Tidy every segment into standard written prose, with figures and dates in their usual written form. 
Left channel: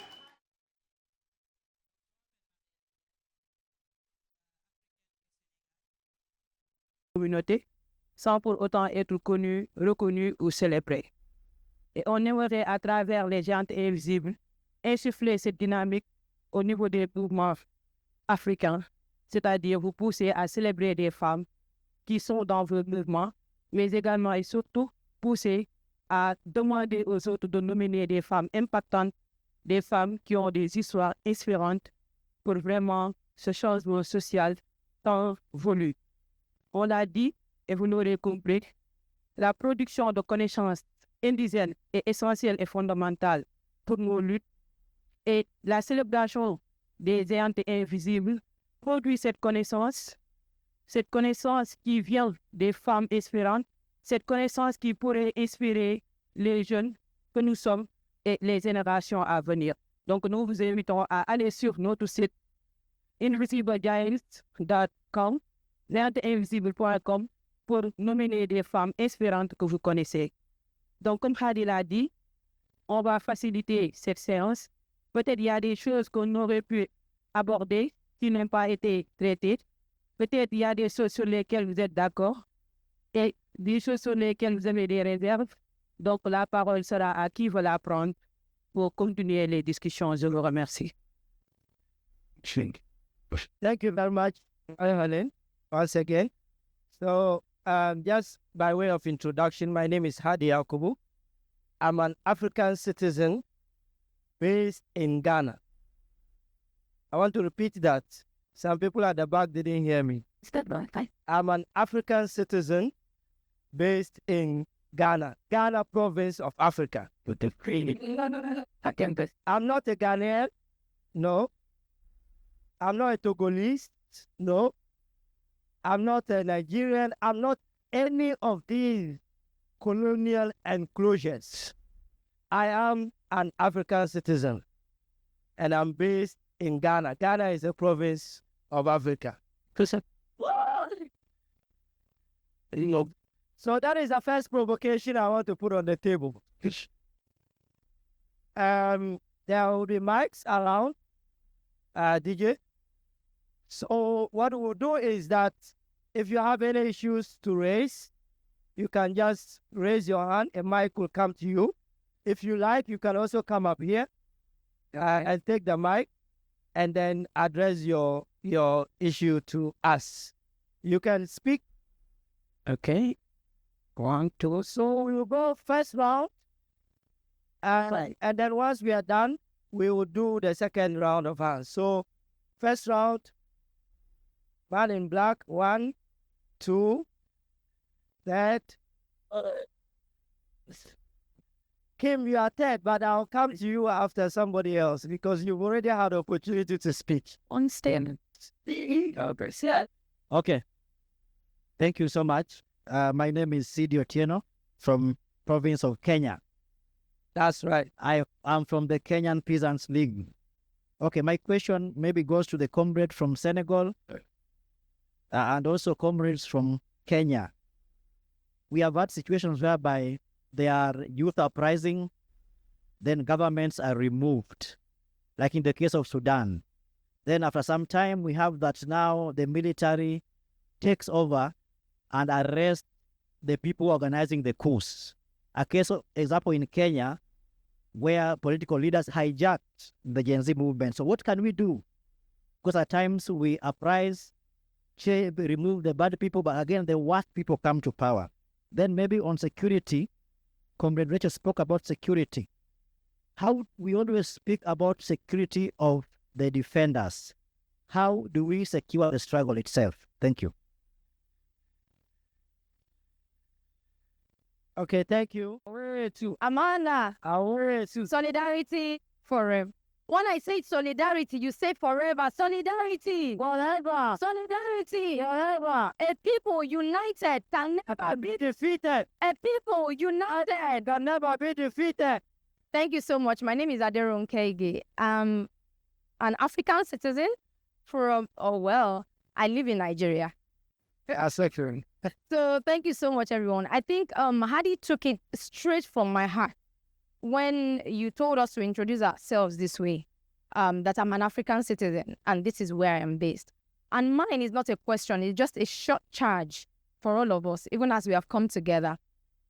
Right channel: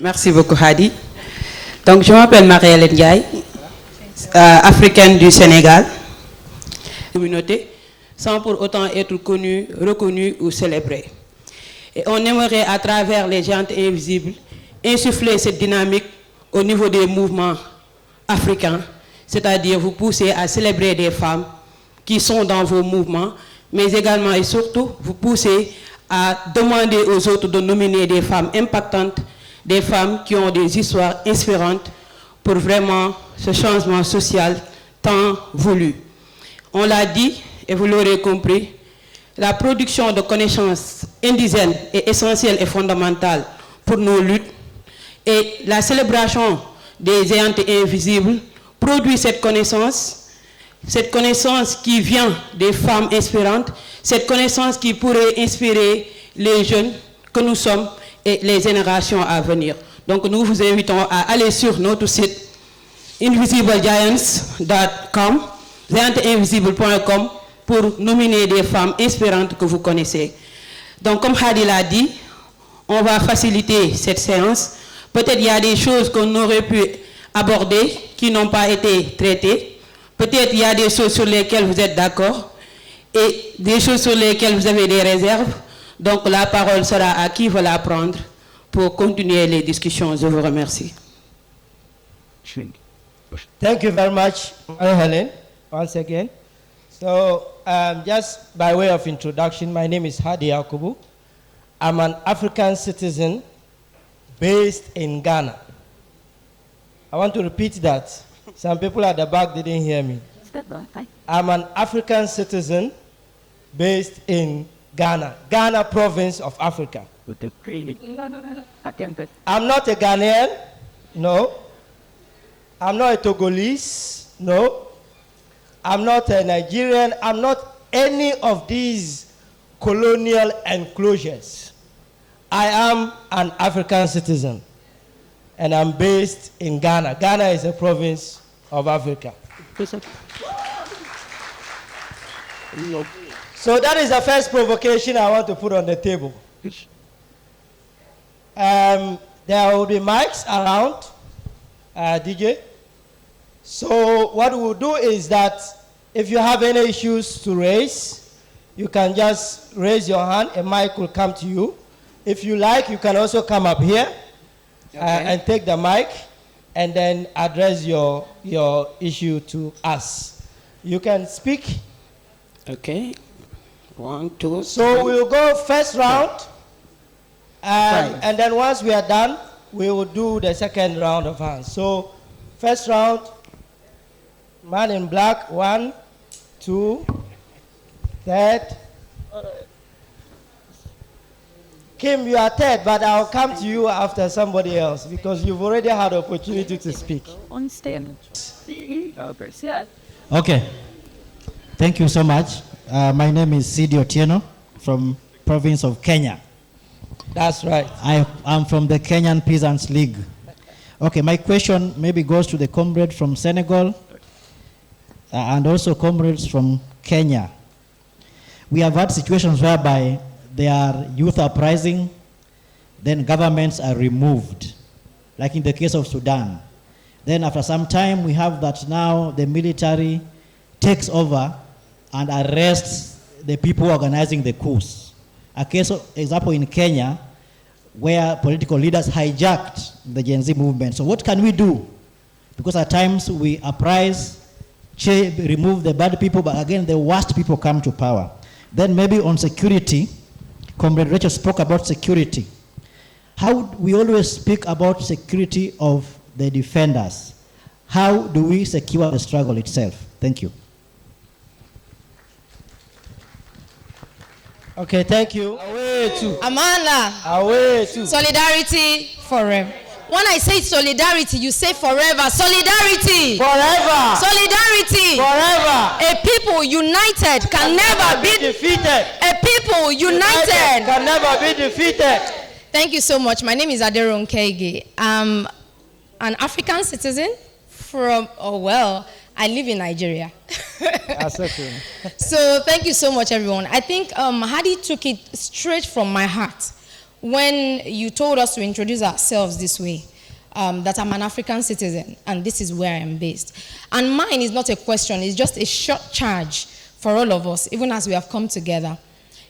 Merci beaucoup, Hadi. Donc, je m'appelle Marielle Ndiaye, africaine du Sénégal. Communauté, sans pour autant être connue, reconnue ou célébrée. Et on aimerait, à travers les géantes invisibles, insuffler cette dynamique au niveau des mouvements africains, c'est-à-dire vous pousser à célébrer des femmes qui sont dans vos mouvements, mais également et surtout vous pousser à demander aux autres de nominer des femmes impactantes, des femmes qui ont des histoires inspirantes pour vraiment ce changement social tant voulu. On l'a dit, et vous l'aurez compris, la production de connaissances indigènes est essentielle et fondamentale pour nos luttes, et la célébration des géantes invisibles produit cette connaissance qui vient des femmes inspirantes, cette connaissance qui pourrait inspirer les jeunes que nous sommes et les générations à venir. Donc nous vous invitons à aller sur notre site invisiblegiants.com, géanteinvisible.com, pour nominer des femmes inspirantes que vous connaissez. Donc comme Hadi l'a dit, on va faciliter cette séance. Peut-être il y a des choses qu'on aurait pu aborder qui n'ont pas été traitées. Peut-être il y a des choses sur lesquelles vous êtes d'accord et des choses sur lesquelles vous avez des réserves. Donc la parole sera à qui veut la prendre pour continuer les discussions. Je vous remercie. Thank you very much, Helen, once again. So just by way of introduction, my name is Hadi Yakubu. I'm an African citizen based in Ghana. I want to repeat that. Some people at the back didn't hear me. I'm an African citizen based in Ghana, Ghana province of Africa. I'm not a Ghanaian, no. I'm not a Togolese, no. I'm not a Nigerian. I'm not any of these colonial enclosures. I am an African citizen, and I'm based in Ghana. Ghana is a province of Africa. So that is the first provocation I want to put on the table. There will be mics around, DJ. So what we'll do is that if you have any issues to raise, you can just raise your hand, a mic will come to you. If you like, you can also come up here and take the mic and then address your issue to us. You can speak. Okay. 1, 2. So we'll go first round, and then once we are done, we will do the second round of hands. So first round, man in black, 1, 2, third. Kim, you are third, but I'll come to you after somebody else because you've already had opportunity to speak. On stand. Okay. Thank you so much. My name is Sidi Otieno from province of Kenya. That's right. I'm from the Kenyan Peasants League. Okay, my question maybe goes to the comrade from Senegal and also comrades from Kenya. We have had situations whereby there are youth uprising, then governments are removed, like in the case of Sudan. Then after some time, we have that now the military takes over and arrests the people organizing the coups. A case of example in Kenya, where political leaders hijacked the Gen Z movement. So what can we do? Because at times we uprise, remove the bad people, but again, the worst people come to power. Then maybe on security, Comrade Rachel spoke about security. How we always speak about security of the defenders. How do we secure the struggle itself? Thank you. Okay, thank you. Amanda. Solidarity forever. When I say solidarity, you say forever. Solidarity. Forever. Solidarity. Forever. A people united can never be defeated. A people united can never be defeated. Thank you so much. My name is 𝗕𝗿𝗿𝗂𝗁. I'm an African citizen from, I live in Nigeria. So thank you so much, everyone. I think Hadi took it straight from my heart when you told us to introduce ourselves this way, that I'm an African citizen and this is where I am based. And mine is not a question, it's just a short charge for all of us, even as we have come together.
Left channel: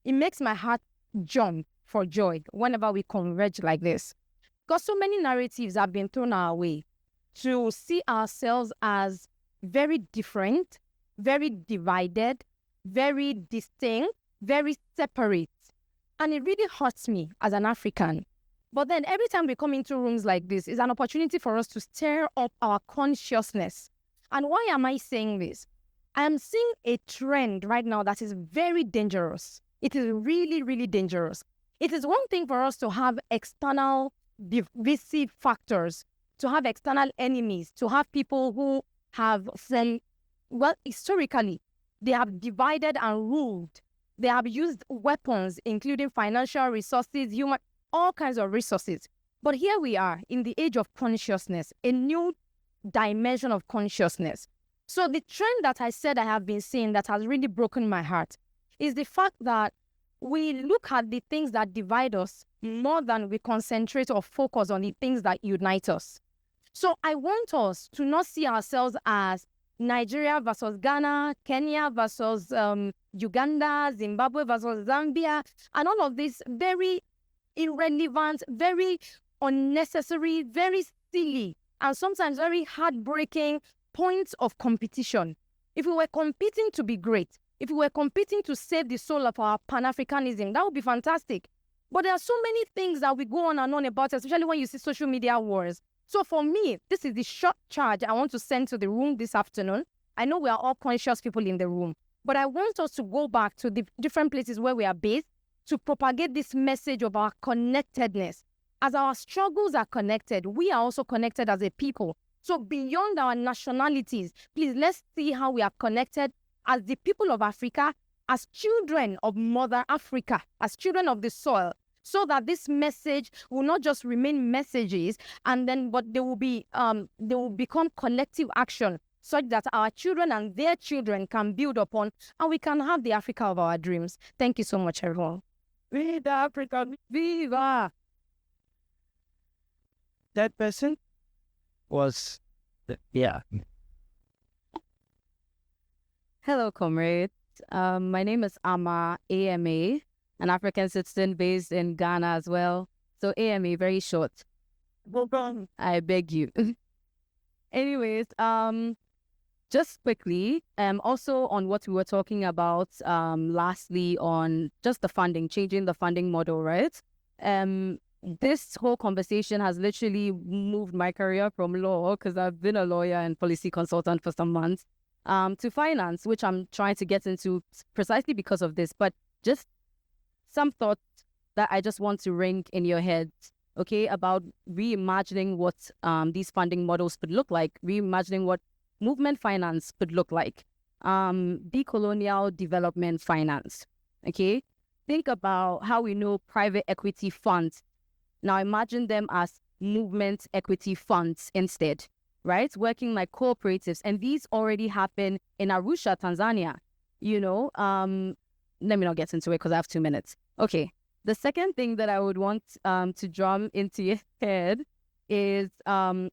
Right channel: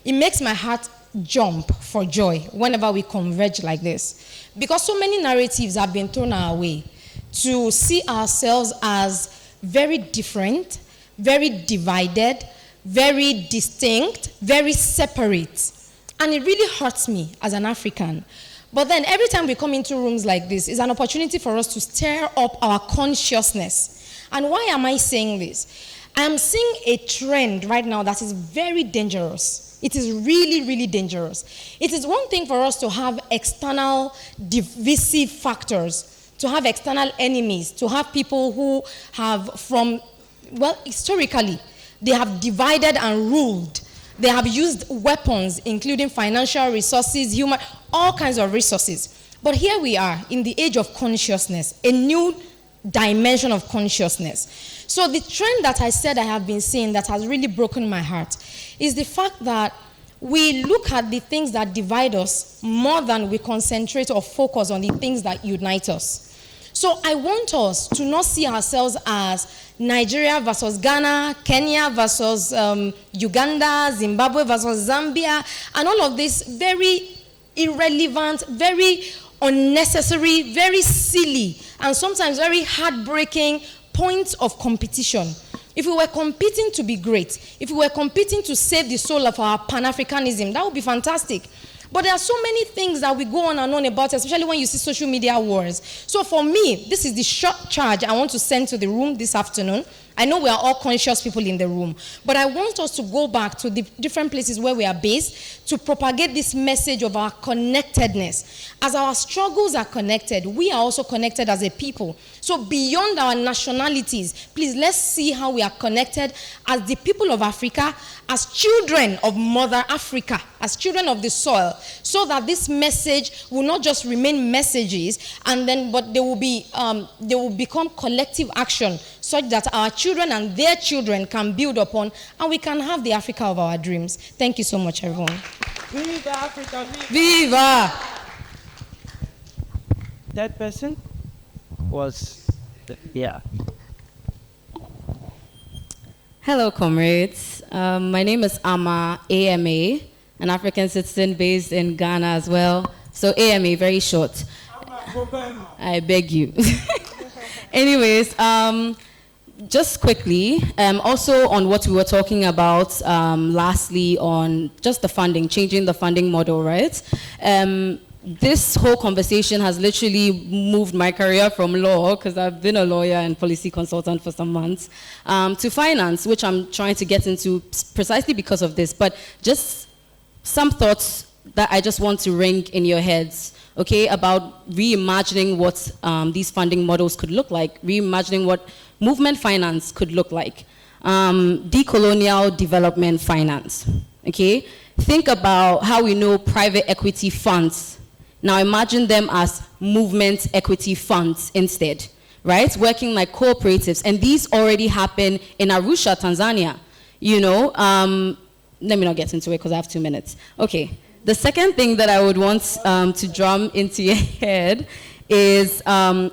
It makes my heart jump for joy whenever we converge like this. Because so many narratives have been thrown our way to see ourselves as very different, very divided, very distinct, very separate. And it really hurts me as an African. But then every time we come into rooms like this, it's an opportunity for us to stir up our consciousness. And why am I saying this? I'm seeing a trend right now that is very dangerous. It is really, really dangerous. It is one thing for us to have external divisive factors, to have external enemies, to have people who have historically, they have divided and ruled. They have used weapons, including financial resources, human, all kinds of resources. But here we are in the age of consciousness, a new dimension of consciousness. So the trend that I said I have been seeing that has really broken my heart is the fact that we look at the things that divide us more than we concentrate or focus on the things that unite us. So I want us to not see ourselves as Nigeria versus Ghana, Kenya versus Uganda, Zimbabwe versus Zambia, and all of this very irrelevant, very unnecessary, very silly, and sometimes very heartbreaking points of competition. If we were competing to be great, if we were competing to save the soul of our Pan-Africanism, that would be fantastic. But there are so many things that we go on and on about, especially when you see social media wars. So for me, this is the short charge I want to send to the room this afternoon. I know we are all conscious people in the room, but I want us to go back to the different places where we are based to propagate this message of our connectedness. As our struggles are connected, we are also connected as a people. So beyond our nationalities, please let's see how we are connected as the people of Africa, as children of Mother Africa, as children of the soil, so that this message will not just remain messages, but they will become collective action, such that our children and their children can build upon, and we can have the Africa of our dreams. Thank you so much, everyone. Viva Africa! Viva! That person was, yeah. Hello, comrades. My name is Ama, AMA, an African citizen based in Ghana as well. So AMA, very short. I beg you. Anyways, just quickly, also on what we were talking about, lastly, on just the funding, changing the funding model, right? This whole conversation has literally moved my career from law, because I've been a lawyer and policy consultant for some months, to finance, which I'm trying to get into precisely because of this. But just some thoughts that I just want to ring in your heads, okay, about reimagining what these funding models could look like, reimagining what movement finance could look like, decolonial development finance, okay? Think about how we know private equity funds. Now imagine them as movement equity funds instead, right? Working like cooperatives, and these already happen in Arusha, Tanzania, you know? Let me not get into it because I have 2 minutes. Okay, the second thing that I would want to drum into your head is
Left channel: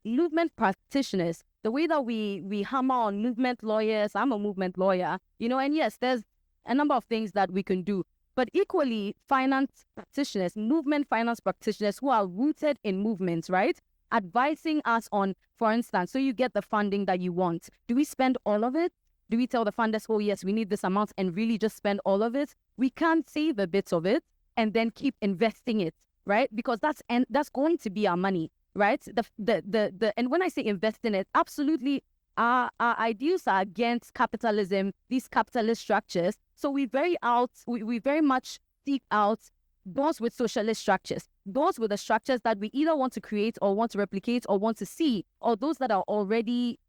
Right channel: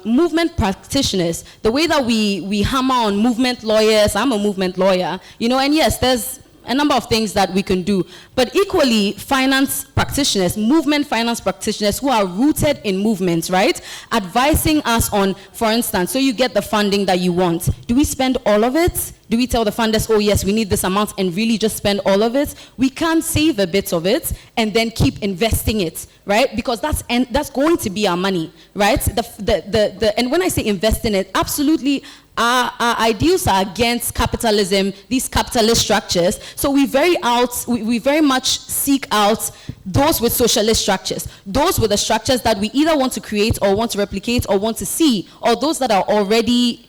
movement practitioners. The way that we hammer on movement lawyers, I'm a movement lawyer, you know, and yes, there's a number of things that we can do, but equally finance practitioners, movement finance practitioners who are rooted in movements, right? Advising us on, for instance, so you get the funding that you want. Do we spend all of it? Do we tell the funders, oh yes, we need this amount, and really just spend all of it? We can save a bit of it and then keep investing it, right? Because that's going to be our money, right? And when I say invest in it, absolutely, our ideals are against capitalism, these capitalist structures. So we very much seek out those with socialist structures, those with the structures that we either want to create or want to replicate or want to see, or those that are already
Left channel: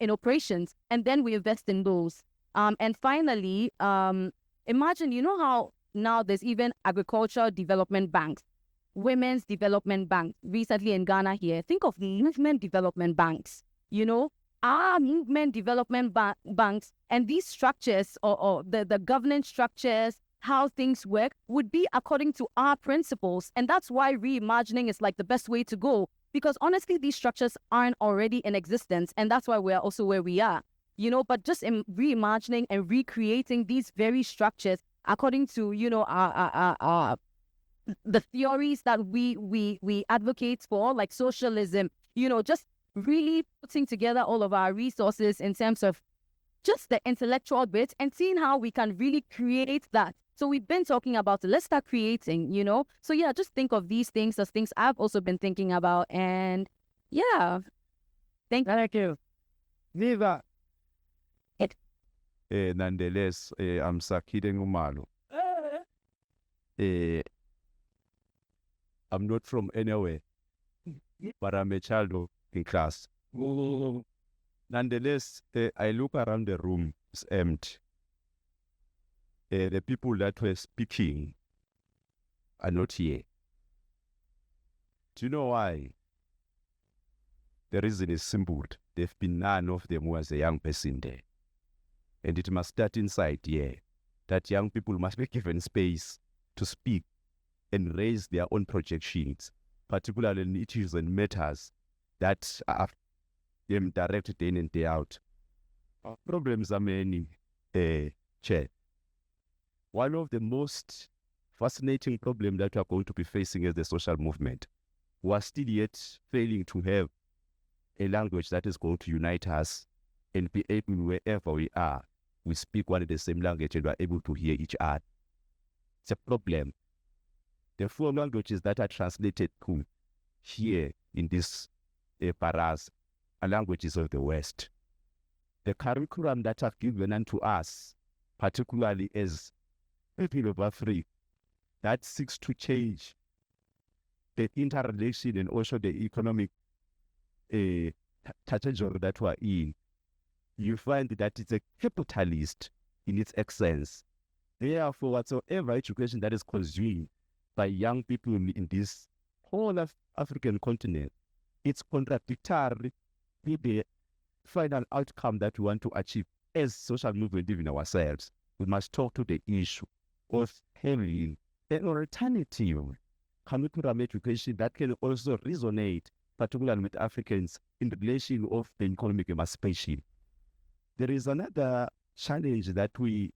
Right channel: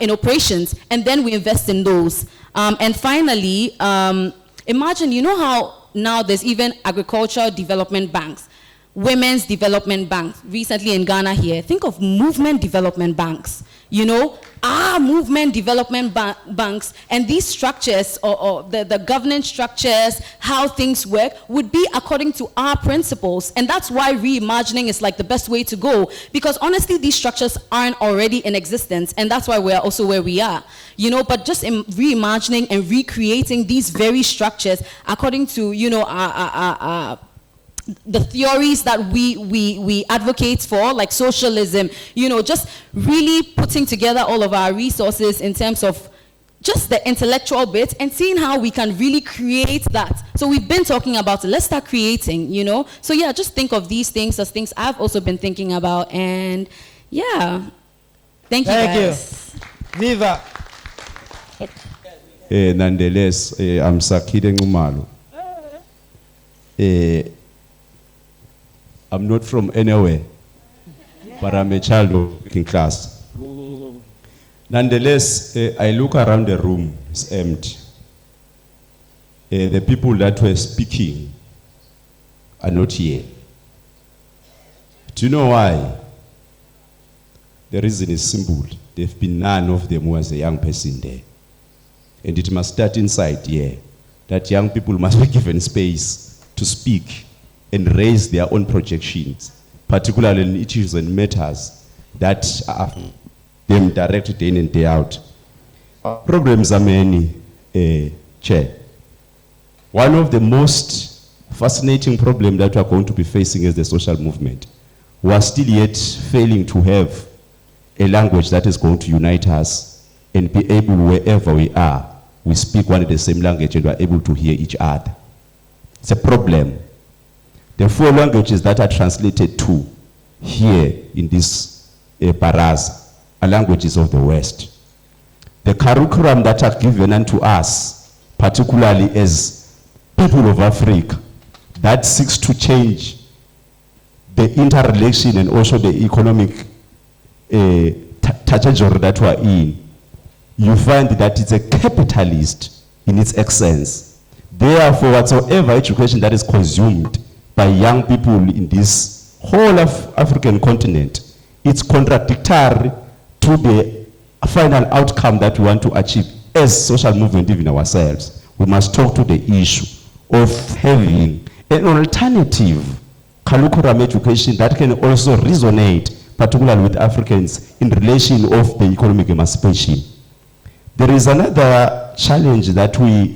in operations, and then we invest in those. And finally, imagine, you know how now there's even agricultural development banks. women's development banks, recently in Ghana here. Think of movement development banks, you know, our movement development banks, and these structures, or the governance structures, how things work, would be according to our principles. And that's why reimagining is like the best way to go, because honestly, these structures aren't already in existence, and that's why we're also where we are, you know. But just in reimagining and recreating these very structures according to, you know, the theories that we advocate for, like socialism, you know, just really putting together all of our resources in terms of just the intellectual bit and seeing how we can really create that. So we've been talking about it, let's start creating, you know. So yeah, just think of these things as things I've also been thinking about, and yeah, thank you guys. Viva. Nonetheless, I'm 𝗕cie𝗃𝗄𝗃. I'm not from anywhere, but I'm a child of working class. Nonetheless, I look around the room, it's empty. The people that were speaking are not here. Do you know why? The reason is simple. There have been none of them who was a young person there. And it must start inside here, that young people must be given space to speak and raise their own projections, particularly in issues and matters that are them directed day in and day out. Problems are many, Chair. One of the most fascinating problems that we are going to be facing as the social movement, we are still yet failing to have a language that is going to unite us and be able, wherever we are, we speak one and the same language and we are able to hear each other. It's a problem. The 4 languages that are translated to here in this Baraza are languages of the West. The curriculum that are given unto us, particularly as people of Africa, that seeks to change the interrelation and also the economic trajectory that we are in, you find that it's a capitalist in its essence. Therefore, whatsoever education that is consumed by young people in this whole of African continent, it's contradictory to the final outcome that we want to achieve as social movement, even ourselves. We must talk to the issue of having an alternative curriculum education that can also resonate, particularly with Africans, in relation of the economic emancipation. There is another challenge that I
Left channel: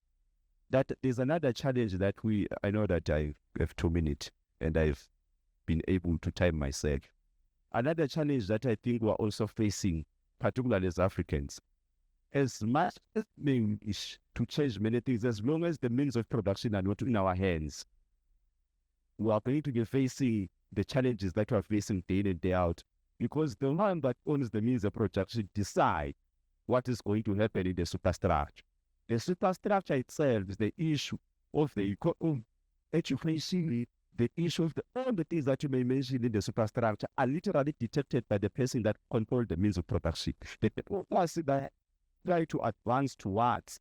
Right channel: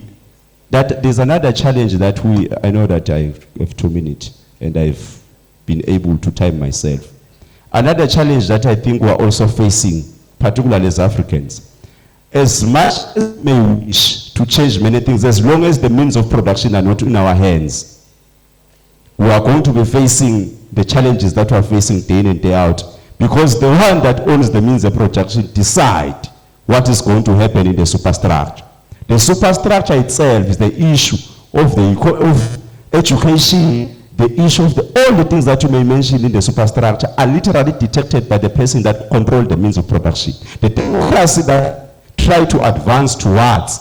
know that I have 2 minutes and I've been able to time myself. Another challenge that I think we're also facing, particularly as Africans, as much as we may wish to change many things, as long as the means of production are not in our hands, we are going to be facing the challenges that we are facing day in and day out, because the one that owns the means of production decide what is going to happen in the superstructure. The superstructure itself is the issue of education, the issue of all the things that you may mention in the superstructure are literally detected by the person that controls the means of production. The democracy that try to advance towards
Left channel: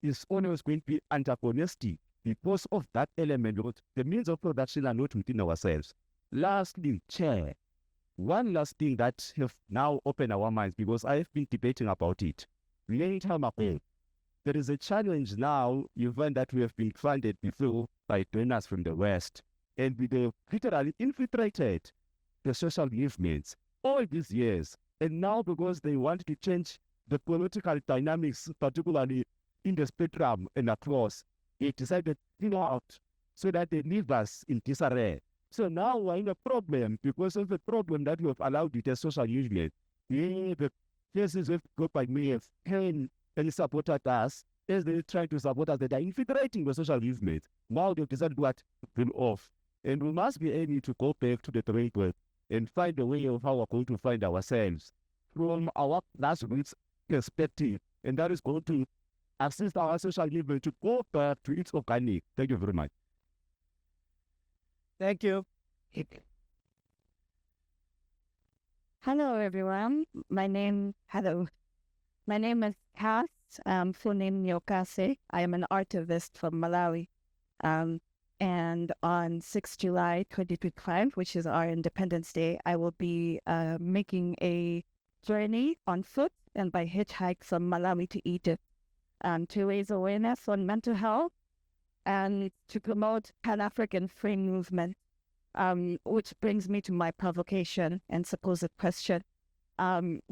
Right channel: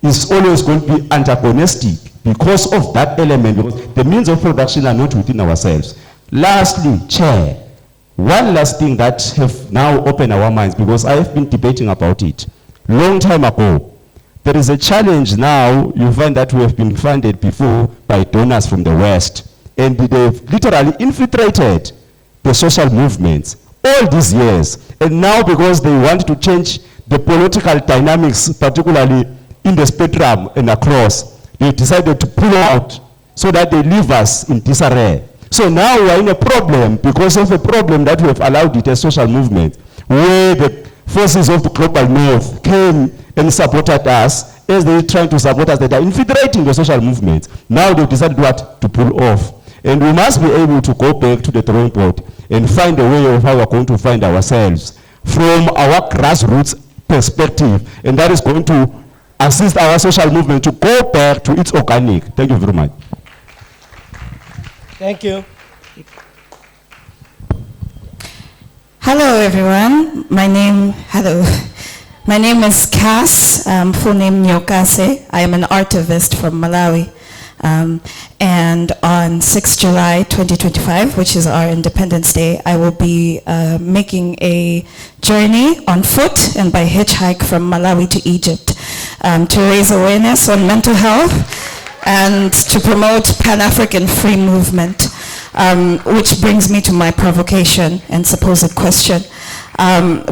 is always going to be antagonistic because of that element, because the means of production are not within ourselves. Lastly, Chair, one last thing that have now opened our minds, because I have been debating about it long time ago. There is a challenge now. You find that we have been funded before by donors from the West, and they've literally infiltrated the social movements all these years. And now, because they want to change the political dynamics, particularly in the spectrum and across, they decided to pull out so that they leave us in disarray. So now we are in a problem because of a problem that we have allowed it as social movement, where the forces of the global north came and supported us as they trying to support us. That are infiltrating the social movement. Now they've decided what to pull off. And we must be able to go back to the drawing board and find a way of how we're going to find ourselves from our grassroots perspective. And that is going to assist our social movement to go back to its organic. Thank you very much. Thank you. Hello, everyone. My name is Cass, full name 𝗕𝗿𝗇. I am an archivist from Malawi. And on 6 July 2025, which is our Independence Day, I will be making a journey on foot and by hitchhike from Malawi to Egypt to raise awareness on mental health and to promote Pan-African free movement, which brings me to my provocation and supposed question.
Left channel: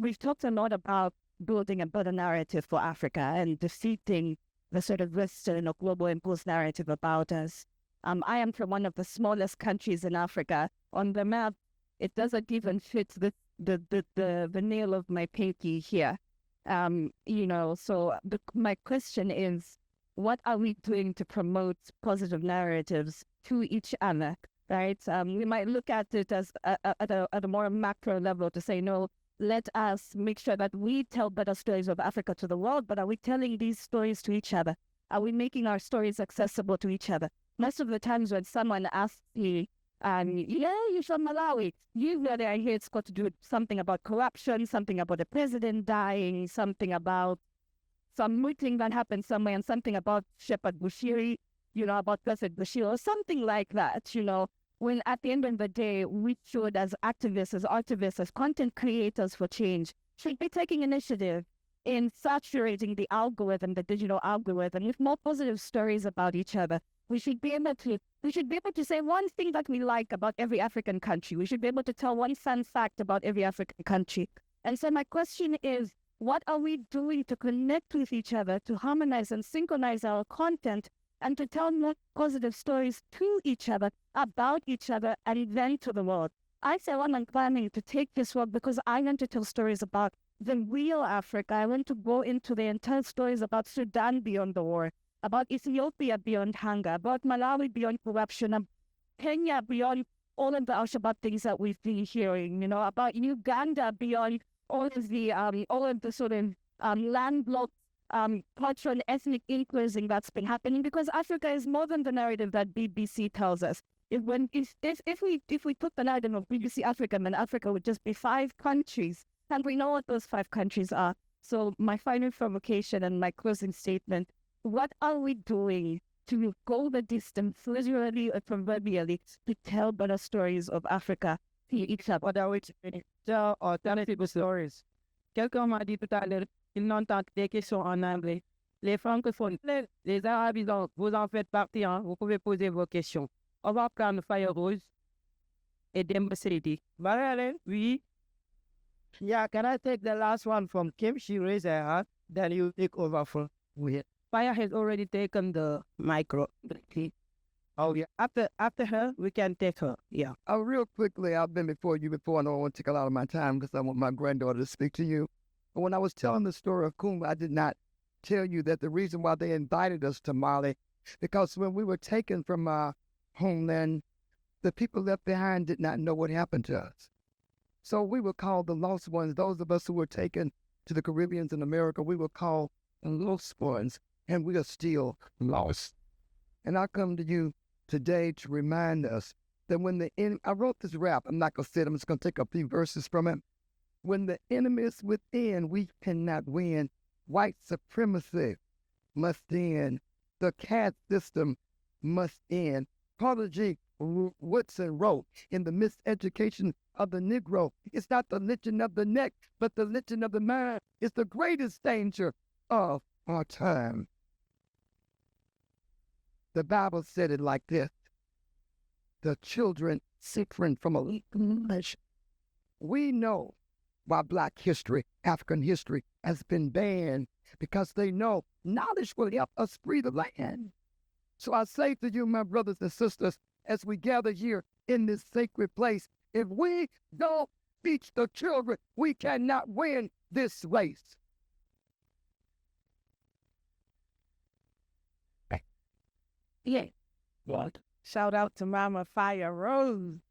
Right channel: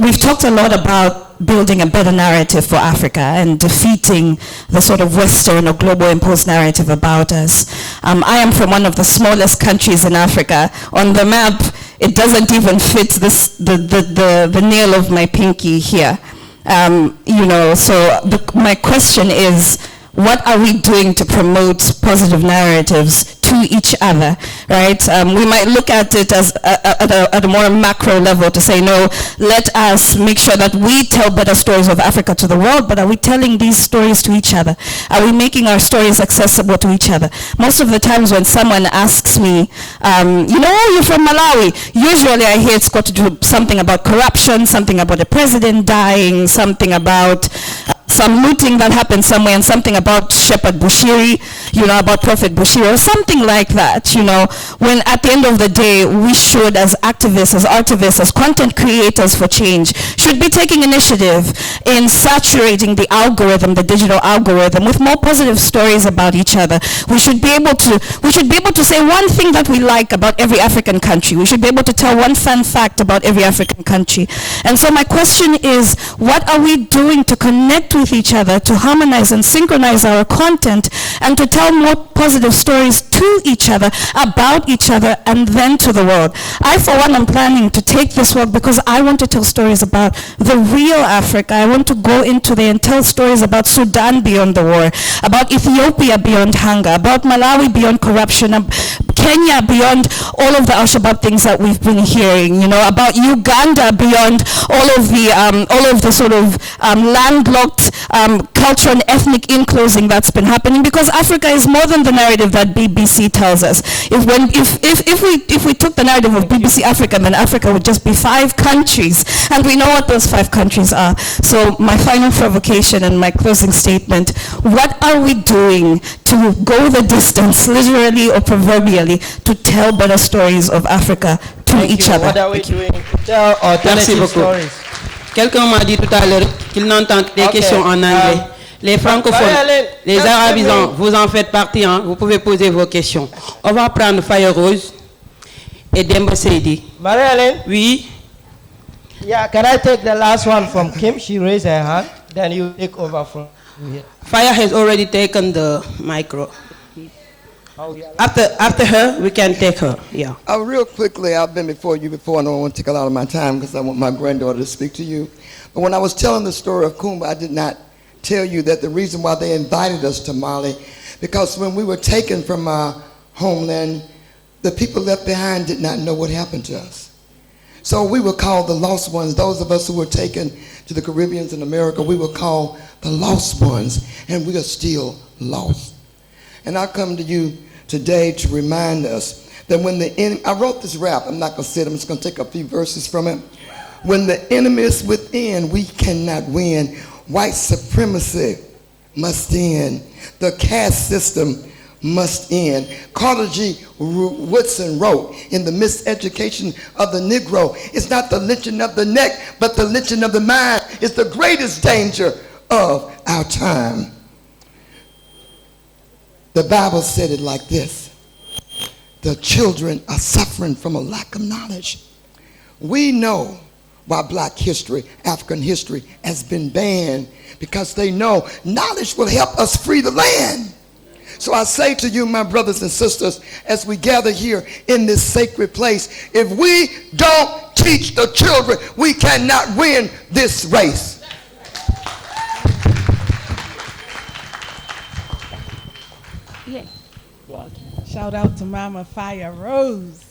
We've talked a lot about building a better narrative for Africa and defeating the sort of Western or global imposed narrative about us. I am from one of the smallest countries in Africa. On the map, it doesn't even fit the nail of my pinky here. You know, so my question is, what are we doing to promote positive narratives to each other, right? We might look at it as at a more macro level to say, no, let us make sure that we tell better stories of Africa to the world, but are we telling these stories to each other? Are we making our stories accessible to each other? Most of the times when someone asks me, you know, you're from Malawi, usually I hear it's got to do something about corruption, something about the president dying, something about some looting that happened somewhere, and something about Shepherd Bushiri, you know, about Prophet Bushiri, or something like that, you know, when at the end of the day, we should, as activists, as artivists, as content creators for change, should be taking initiative in saturating the algorithm, the digital algorithm, with more positive stories about each other. We should be able to say one thing that we like about every African country. We should be able to tell one fun fact about every African country. And so my question is, what are we doing to connect with each other, to harmonize and synchronize our content, and to tell more positive stories to each other, about each other, and then to the world? I, for one, am planning to take this work because I want to tell stories about the real Africa. I want to go into there and tell stories about Sudan beyond the war, about Ethiopia beyond hunger, about Malawi beyond corruption, Kenya beyond all of the Al-Shabaab things that we've been hearing, you know, about Uganda beyond all of the sort of landlocked cultural and ethnic enclosing that's been happening, because Africa is more than the narrative that BBC tells us. If we took the narrative of BBC Africa, then Africa would just be 5 countries, and we know what those 5 countries are. So my final provocation and my closing statement: what are we doing to go the distance, literally or proverbially, to tell better stories of Africa to each other? What are we doing to tell alternative stories? Quelqu'un m'a dit tout à l'heure qu'il n'entend des questions en anglais. Les francophones, les arabisants, vous en faites partie, hein? Vous pouvez poser vos questions. On va prendre Fire Rose et 𝗕𝗿𝗇. Marie-Hélène? Oui. Yeah, can I take the last one from Kim? She raised her hand. Then you take over from here. Fire has already taken the micro. Oh, yeah. After her, we can take her. Yeah. Real quickly, I've been before you before. I don't want to take a lot of my time because I want my granddaughter to speak to you. But when I was telling the story of Kumba, I did not tell you that the reason why they invited us to Mali, because when we were taken from our homeland, the people left behind did not know what happened to us. So we were called the lost ones. Those of us who were taken to the Caribbean and America, we were called the lost ones, and we are still lost. And I come to you today to remind us that when the enemy, I wrote this rap, I'm not going to say it, I'm just going to take a few verses from it. When the enemy is within, we cannot win. White supremacy must end. The caste system must end. Carter G. Woodson wrote in The Miseducation of the Negro, it's not the lynching of the neck, but the lynching of the mind is the greatest danger of our time. The Bible said it like this: the children are suffering from a lack of knowledge. We know why Black history, African history has been banned, because they know knowledge will help us free the land. So I say to you, my brothers and sisters, as we gather here in this sacred place, if we don't teach the children, we cannot win this race. Yeah. What? Shout out to Mama Fire Rose.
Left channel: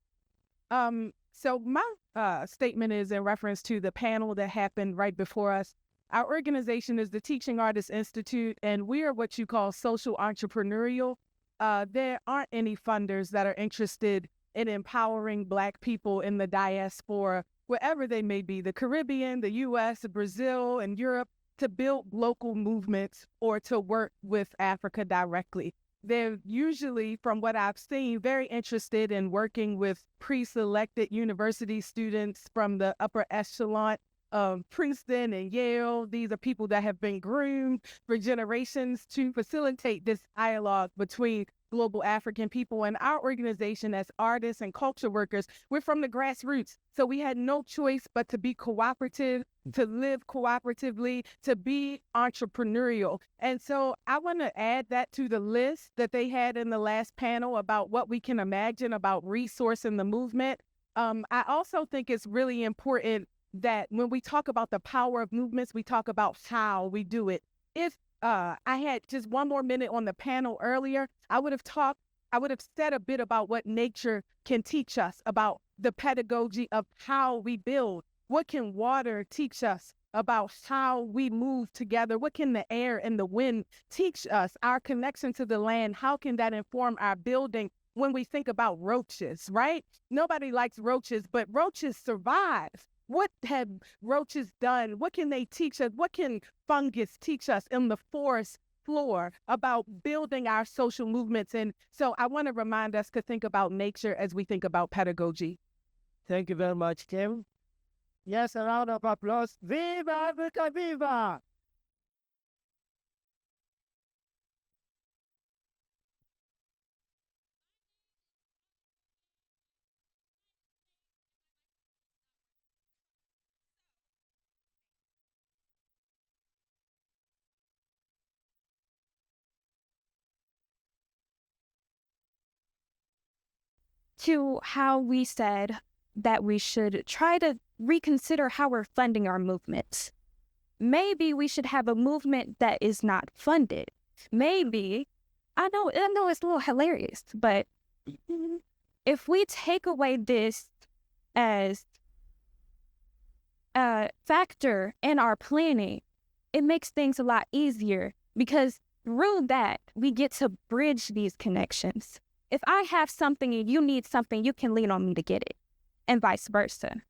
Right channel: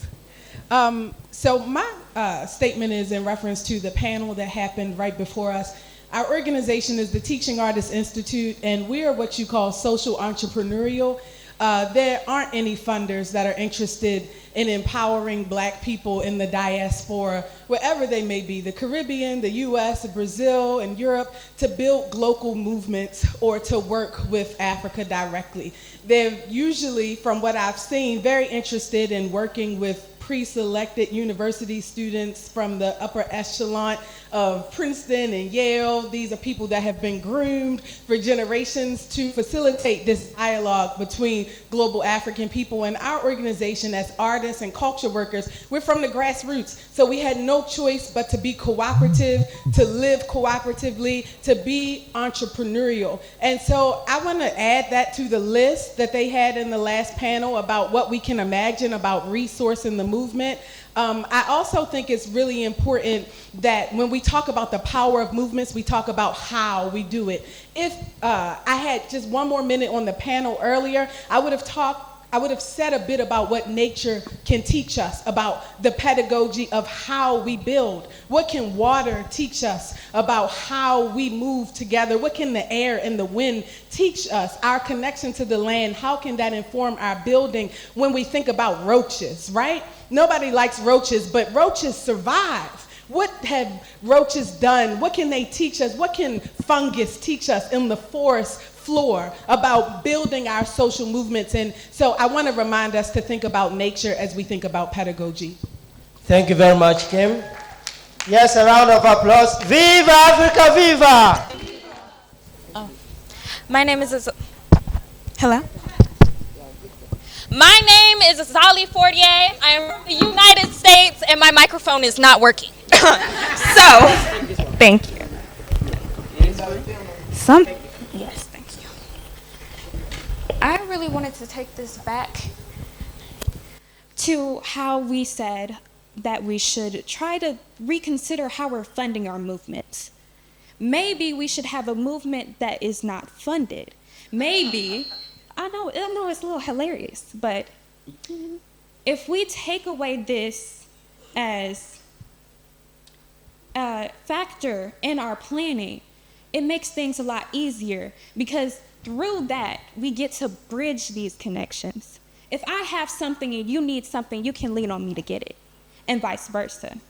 So my statement is in reference to the panel that happened right before us. Our organization is the Teaching Artists Institute, and we are what you call social entrepreneurial. There aren't any funders that are interested in empowering Black people in the diaspora, wherever they may be, the Caribbean, the US, Brazil, and Europe, to build local movements or to work with Africa directly. They're usually, from what I've seen, very interested in working with pre-selected university students from the upper echelon of Princeton and Yale. These are people that have been groomed for generations to facilitate this dialogue between global African people. And our organization, as artists and culture workers, we're from the grassroots. So we had no choice but to be cooperative, to live cooperatively, to be entrepreneurial. And so I want to add that to the list that they had in the last panel about what we can imagine about resourcing the movement. I also think it's really important that when we talk about the power of movements, we talk about how we do it. If I had just one more minute on the panel earlier, I would have said a bit about what nature can teach us, about the pedagogy of how we build. What can water teach us about how we move together? What can the air and the wind teach us? Our connection to the land, how can that inform our building when we think about roaches, right? Nobody likes roaches, but roaches survive. What have roaches done? What can they teach us? What can fungus teach us in the forest floor about building our social movements? And so I want to remind us to think about nature as we think about pedagogy. Thank you very much, Kim. Yes, a round of applause. Viva Africa, viva! My name is Hello? My name is 𝗕𝗿𝗿𝗶𝗹. I am from the United States, and my microphone is not working. So, thank you. Yes, thank you. I really wanted to take this back to how we said that we should try to reconsider how we're funding our movements. Maybe we should have a movement that is not funded. Maybe, I know it's a little hilarious, but if we take away this as a factor in our planning, it makes things a lot easier, because through that, we get to bridge these connections. If I have something and you need something, you can lean on me to get it, and vice versa.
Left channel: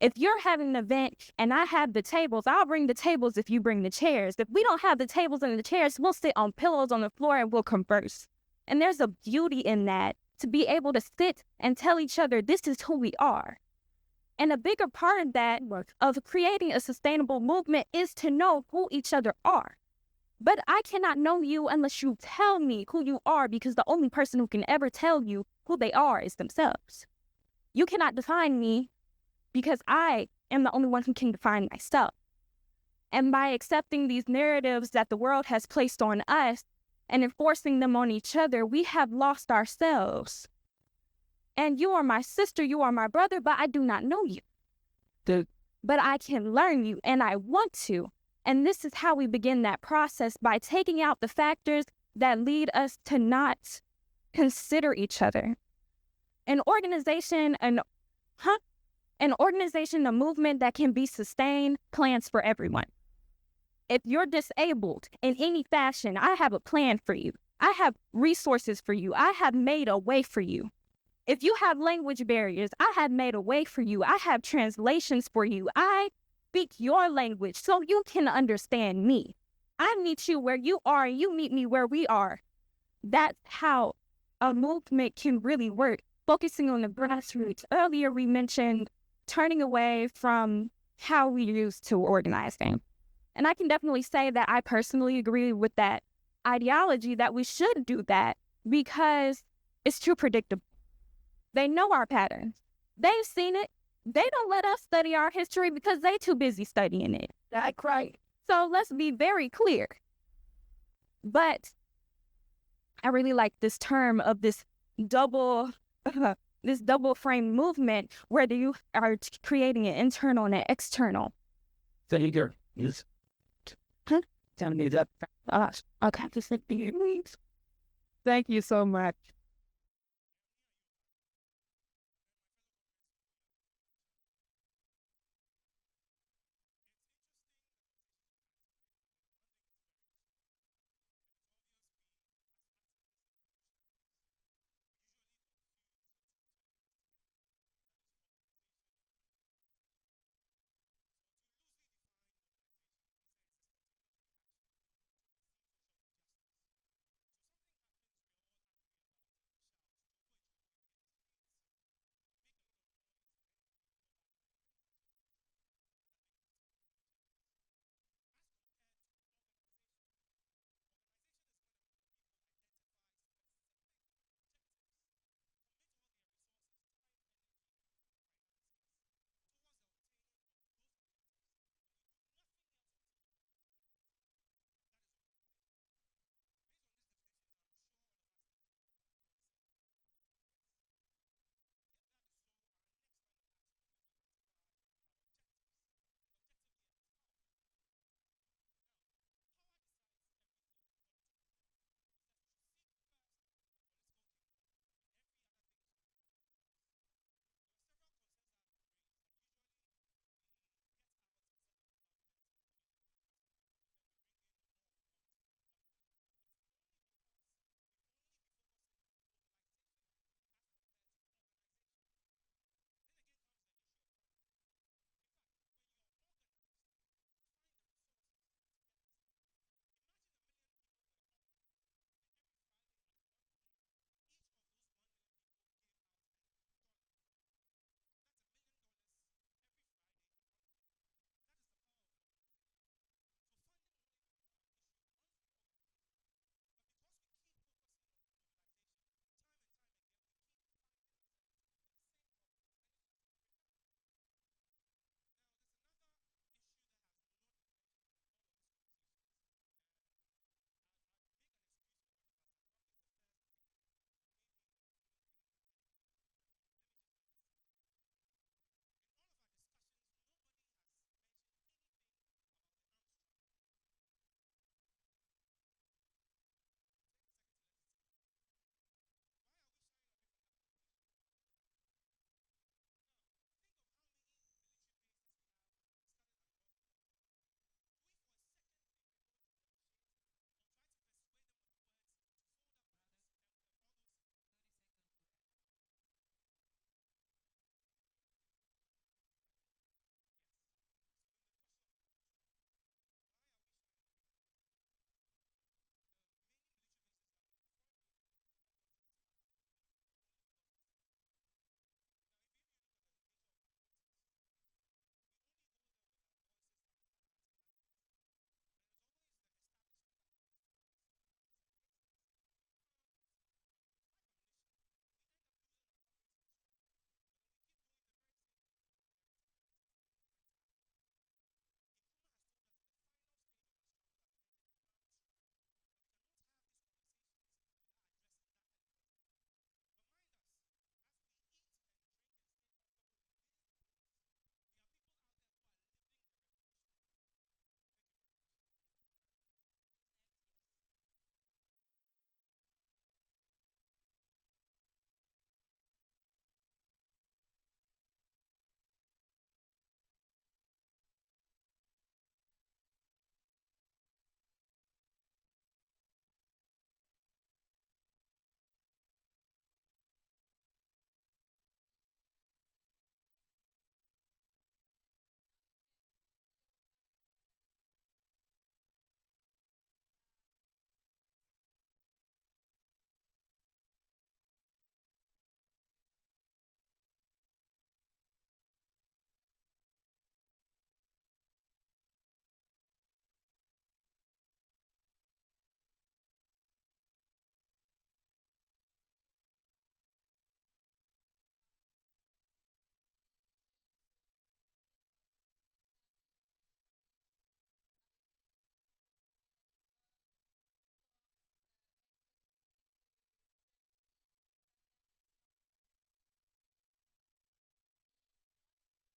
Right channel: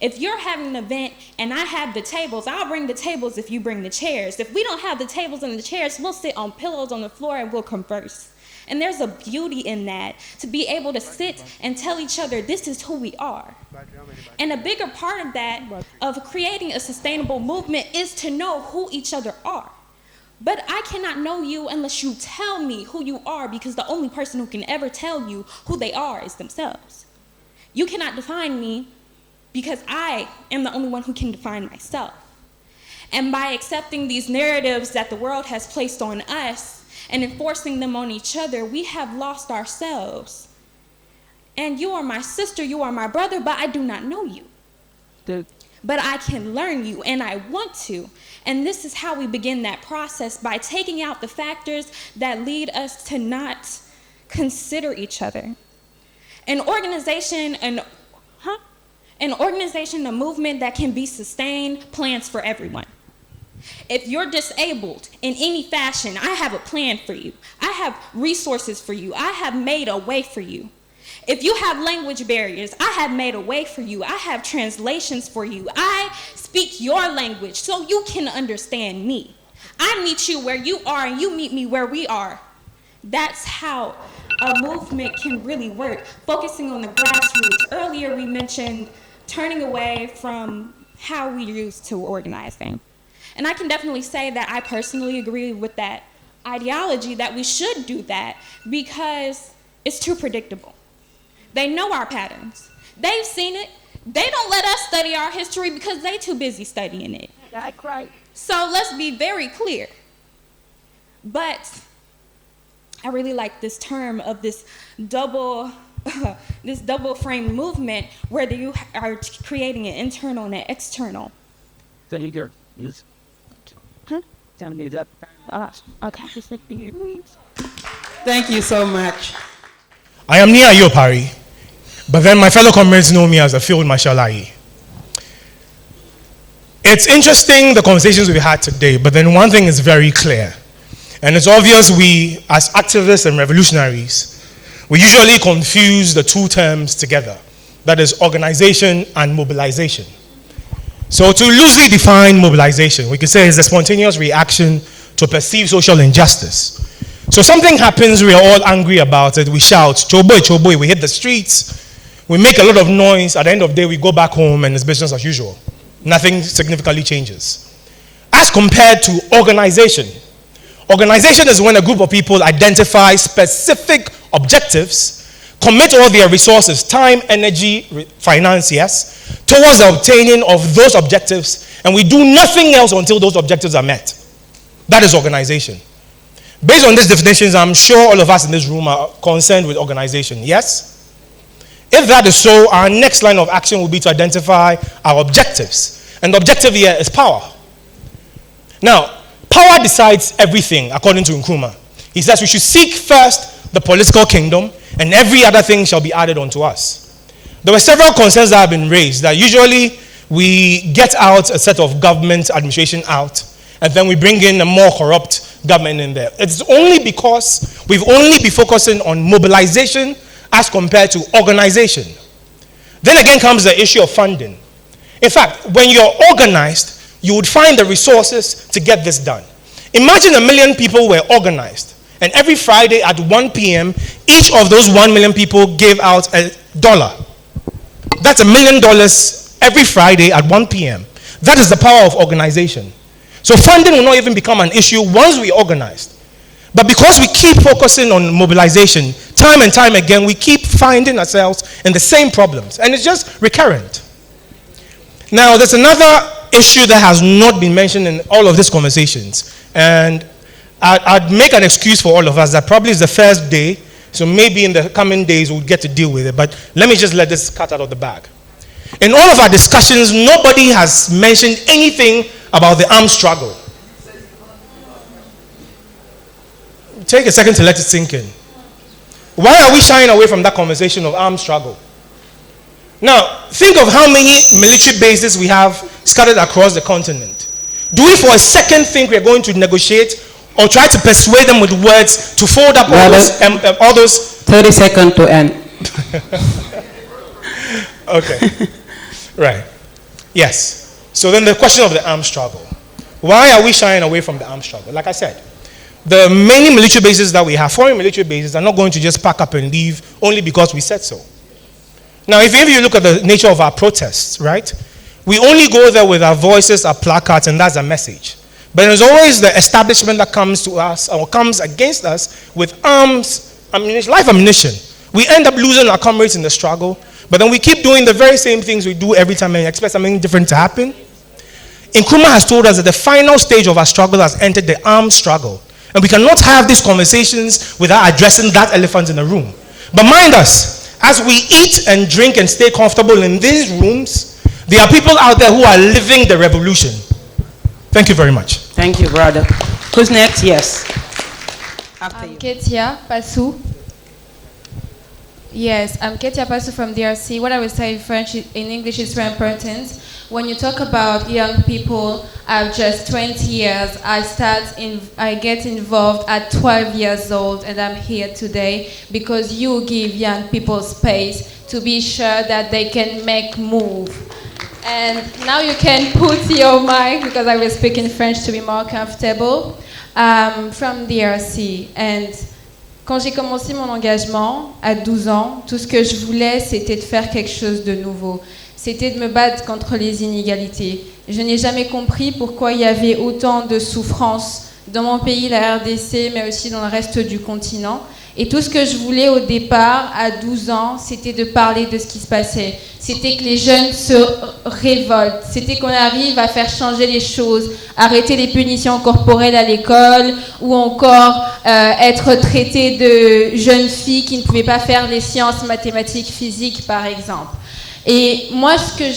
If you're having an event and I have the tables, I'll bring the tables if you bring the chairs. If we don't have the tables and the chairs, we'll sit on pillows on the floor and we'll converse. And there's a beauty in that, to be able to sit and tell each other, this is who we are. And a bigger part of that, of creating a sustainable movement, is to know who each other are. But I cannot know you unless you tell me who you are, because the only person who can ever tell you who they are is themselves. You cannot define me, because I am the only one who can define myself. And by accepting these narratives that the world has placed on us and enforcing them on each other, we have lost ourselves. And you are my sister, you are my brother, but I do not know you. But I can learn you, and I want to. And this is how we begin that process, by taking out the factors that lead us to not consider each other. An organization, a movement that can be sustained, plans for everyone. If you're disabled in any fashion, I have a plan for you. I have resources for you. I have made a way for you. If you have language barriers, I have made a way for you. I have translations for you. I speak your language so you can understand me. I meet you where you are and you meet me where we are. That's how a movement can really work, focusing on the grassroots. Earlier we mentioned turning away from how we used to organizing. And I can definitely say that I personally agree with that ideology, that we should do that, because it's too predictable. They know our patterns. They've seen it. They don't let us study our history because they're too busy studying it. That's right. So let's be very clear. But I really like this term of this double frame movement, where you are creating an internal and an external. Thank you. Yes. Tell me that. Okay. Thank you so much. I am near 𝗕𝗿𝗿𝗶𝗹, but then my fellow comrades know me as a Field Marshal 𝗕𝗿. It's interesting, the conversations we had today, but then one thing is very clear. And it's obvious, we as activists and revolutionaries, We usually confuse the two terms together. That is organization and mobilization. So to loosely define mobilization, we could say it's a spontaneous reaction to perceived social injustice. So something happens, we are all angry about it, we shout, "Choboy, choboy," we hit the streets, we make a lot of noise, at the end of the day we go back home and it's business as usual. Nothing significantly changes. As compared to organization. Organization is when a group of people identify specific objectives, commit all their resources, time, energy, finance, yes, towards the obtaining of those objectives, and we do nothing else until those objectives are met. That is organization. Based on these definitions, I'm sure all of us in this room are concerned with organization, yes? If that is so, our next line of action will be to identify our objectives. And the objective here is power. Now, power decides everything, according to Nkrumah. He says we should seek first the political kingdom, and every other thing shall be added unto us. There were several concerns that have been raised, that usually we get out a set of government administration out, and then we bring in a more corrupt government in there. It's only because we've only been focusing on mobilization as compared to organization. Then again comes the issue of funding. In fact, when you're organized, you would find the resources to get this done. Imagine 1 million people were organized, and every Friday at 1 p.m., each of those 1 million people gave out $1. That's $1 million every Friday at 1 p.m. That is the power of organization. So funding will not even become an issue once we organized. But because we keep focusing on mobilization, time and time again, we keep finding ourselves in the same problems. And it's just recurrent. Now, there's another issue that has not been mentioned in all of these conversations. And I'd make an excuse for all of us that probably is the first day, so maybe in the coming days we'll get to deal with it. But let me just let this cut out of the bag. In all of our discussions, nobody has mentioned anything about the armed struggle. Take a second to let it sink in. Why are we shying away from that conversation of armed struggle? Now, think of how many military bases we have scattered across the continent. Do we for a second think we're going to negotiate or try to persuade them with words to fold up all those 30 seconds to end. Okay. Right. Yes. So then the question of the armed struggle. Why are we shying away from the armed struggle? Like I said, the many military bases that we have, foreign military bases, are not going to just pack up and leave only because we said so. Now, if you look at the nature of our protests, right? We only go there with our voices, our placards, and that's a message. But there's always the establishment that comes to us or comes against us with arms, ammunition, live ammunition. We end up losing our comrades in the struggle, but then we keep doing the very same things we do every time and expect something different to happen. Nkrumah has told us that the final stage of our struggle has entered the armed struggle. And we cannot have these conversations without addressing that elephant in the room. But mind us, as we eat and drink and stay comfortable in these rooms, there are people out there who are living the revolution. Thank you very much. Thank you, brother. Who's next? Yes. I'm 𝗕cie𝗃𝗁𝗶𝗹. Yes, I'm 𝗕cie𝗃𝗁𝗶𝗹 from DRC. What I would say in French, in English is very important. When you talk about young people, I've just 20 years. I get involved at 12 years old, and I'm here today because you give young people space to be sure that they can make move. And now you can put your mic, because I will speak in French to be more comfortable, from DRC. And quand j'ai commencé mon engagement à 12 ans, tout ce que je voulais, c'était de faire quelque chose de nouveau. C'était de me battre contre les inégalités. Je n'ai jamais compris pourquoi il y avait autant de souffrances dans mon pays, la RDC, mais aussi dans le reste du continent. Et tout ce que je voulais au départ, à 12 ans, c'était de parler de ce qui se passait. C'était que les jeunes se révoltent. C'était qu'on arrive à faire changer les choses, arrêter les punitions corporelles à l'école, ou encore être traité de jeunes filles qui ne pouvaient pas faire les sciences, mathématiques, physiques, par exemple. Et moi, ce que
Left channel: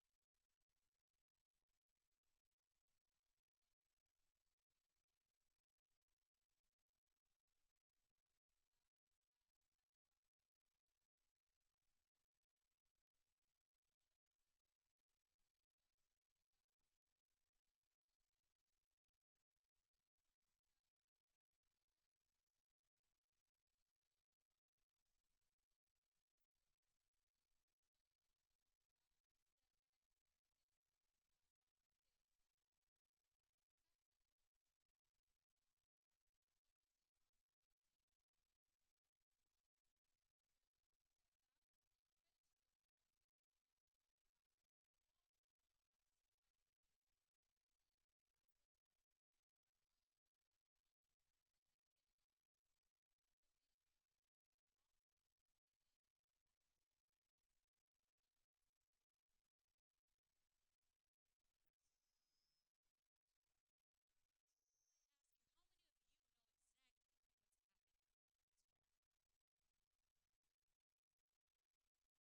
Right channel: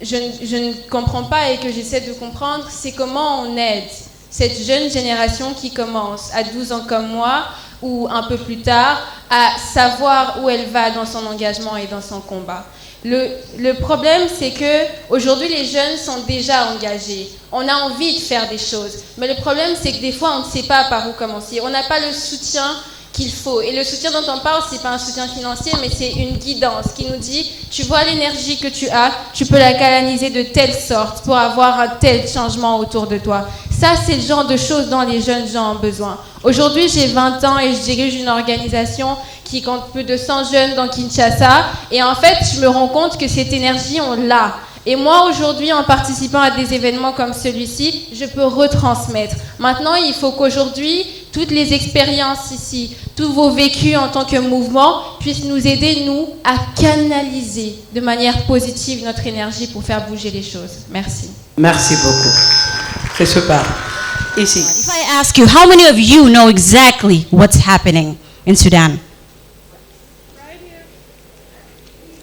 je ne comprends pas et que j'essaie de comprendre, c'est comment on aide cette jeune génération qui commence à 12 ans comme moi, ou un peu plus tard, à savoir où elle va dans son engagement et dans son combat. Le problème, c'est qu'aujourd'hui, les jeunes sont déjà engagés. On a envie de faire des choses. Mais le problème, c'est que des fois, on ne sait pas par où commencer. On n'a pas le soutien qu'il faut. Et le soutien dont on parle, c'est pas un soutien financier, mais c'est une guidance qui nous dit, tu vois l'énergie que tu as, tu peux la canaliser de telle sorte pour avoir un tel changement autour de toi. Ça, c'est le genre de choses dont les jeunes gens ont besoin. Aujourd'hui, j'ai 20 ans et je dirige une organisation qui compte plus de 100 jeunes dans Kinshasa. Et en fait, je me rends compte que cette énergie, on l'a. Et moi, aujourd'hui, en participant à des événements comme celui-ci, je peux retransmettre. Maintenant, il faut qu'aujourd'hui, toutes les expériences ici, tous vos vécus en tant que mouvement puissent nous aider, nous, à canaliser de manière positive notre énergie pour faire bouger les choses. Merci. Merci beaucoup. C'est super. Ici. If I ask you, how many of you know exactly what's happening in Sudan?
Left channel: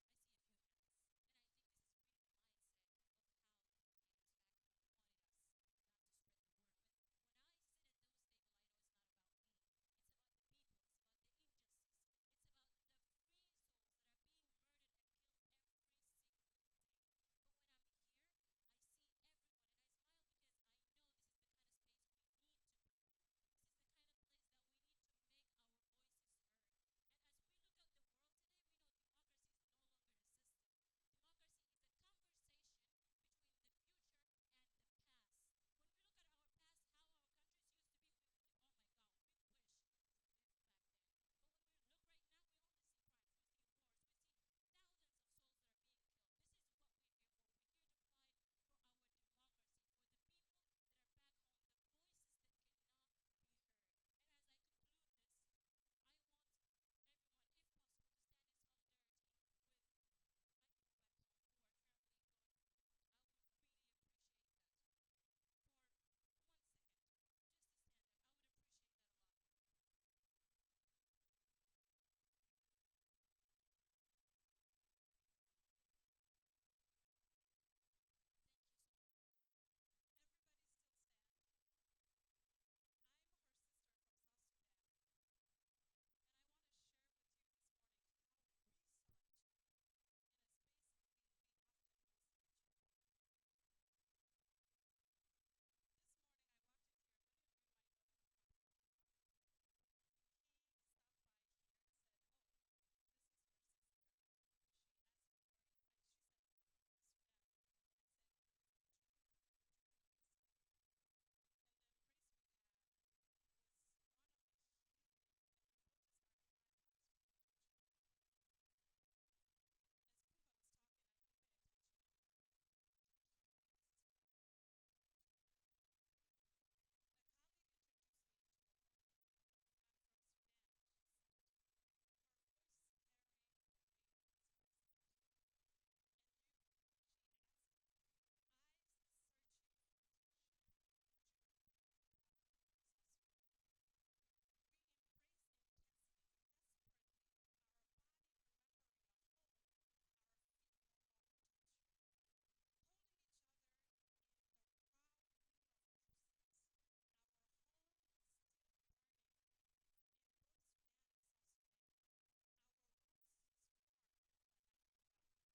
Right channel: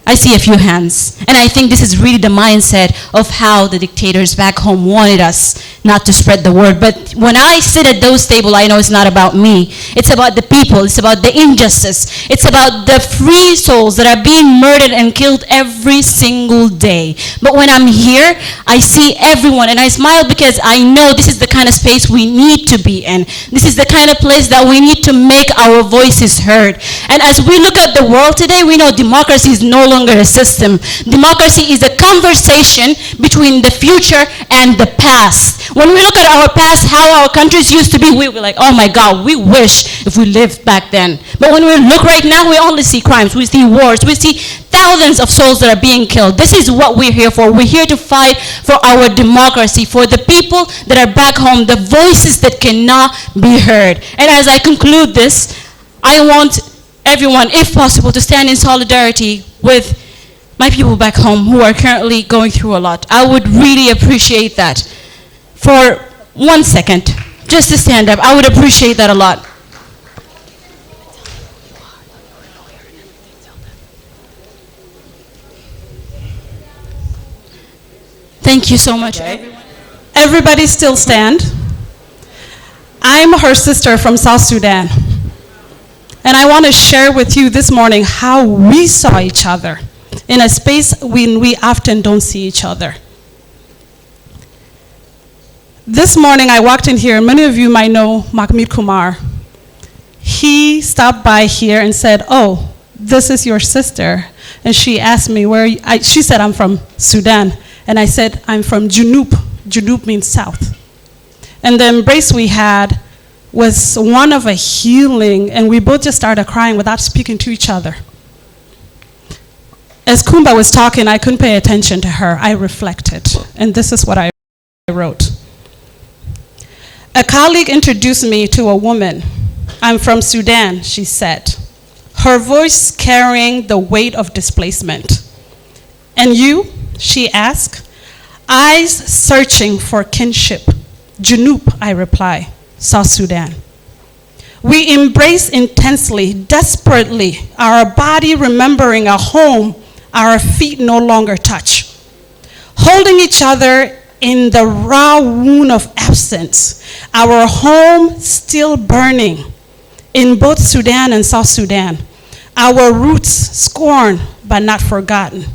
I see a few hands. And I think this is really the mindset of how the dictators back home wanted us not to spread the word. But when I sit at those tables, I know it's not about me. It's about the people. It's about the injustice. It's about the free souls that are being murdered and killed every single day. But when I'm here, I see everyone and I smile because I know this is the kind of space we need to be in. This is the kind of place that we need to make our voices heard. And as we look at the world today, we know democracy is no longer a system. Democracy is a conversation between the future and the past. When we look at our past, how our countries used to be, we were like, oh my God, we wish if we lived back then. But when we look right now, we only see crimes, we see wars, we see thousands of souls that are being killed. This is what we're here for. We're here to fight for our democracy, for the people that are back home, the voices that cannot be heard. And as I conclude this, I want everyone, if possible, to stand in solidarity with my people back home who are currently going through a lot. I would really appreciate that. For 1 second, just to stand up, I would appreciate that a lot. Thank you so much. Everybody still stand. I'm her sister from South Sudan. And I want to share with you this morning how we saw each other in a space when we often don't see each other. This morning I walked in here, and many of you might know Mahmoud Kumar. He stopped by here and said, oh, this is your sister. And she asked me where, she said, I'm from Sudan. And I said, I'm from 𝗔𝗯𝗿. 𝗔𝗯𝗿 means south. And the embrace we had was one of a healing, and we both just started crying without speaking to each other. As Kumba was talking, I couldn't pay attention to her. I reflected, and this is what I wrote. A colleague introduced me to a woman. I'm from Sudan, she said, her voice carrying the weight of displacement. And you, she asked, eyes searching for kinship. 𝗔𝗯𝗿, I reply. South Sudan. We embrace intensely, desperately, our body remembering a home our feet no longer touch. Holding each other in the raw wound of absence, our home still burning in both Sudan and South Sudan, our roots scorned but not forgotten.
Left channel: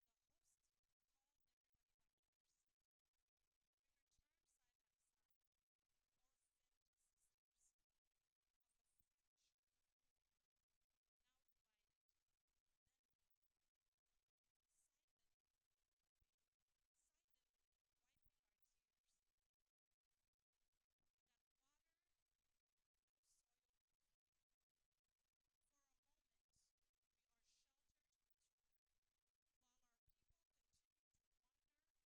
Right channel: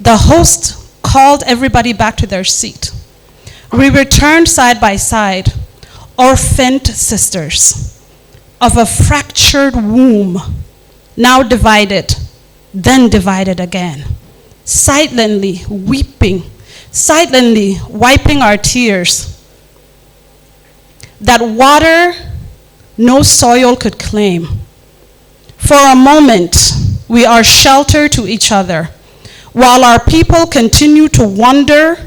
The host called everybody back to their seat. We returned side by side, orphaned sisters of a fractured womb, now divided, then divided again, silently weeping, silently wiping our tears. That water no soil could claim. For a moment, we are shelter to each other, while our people continue to wander,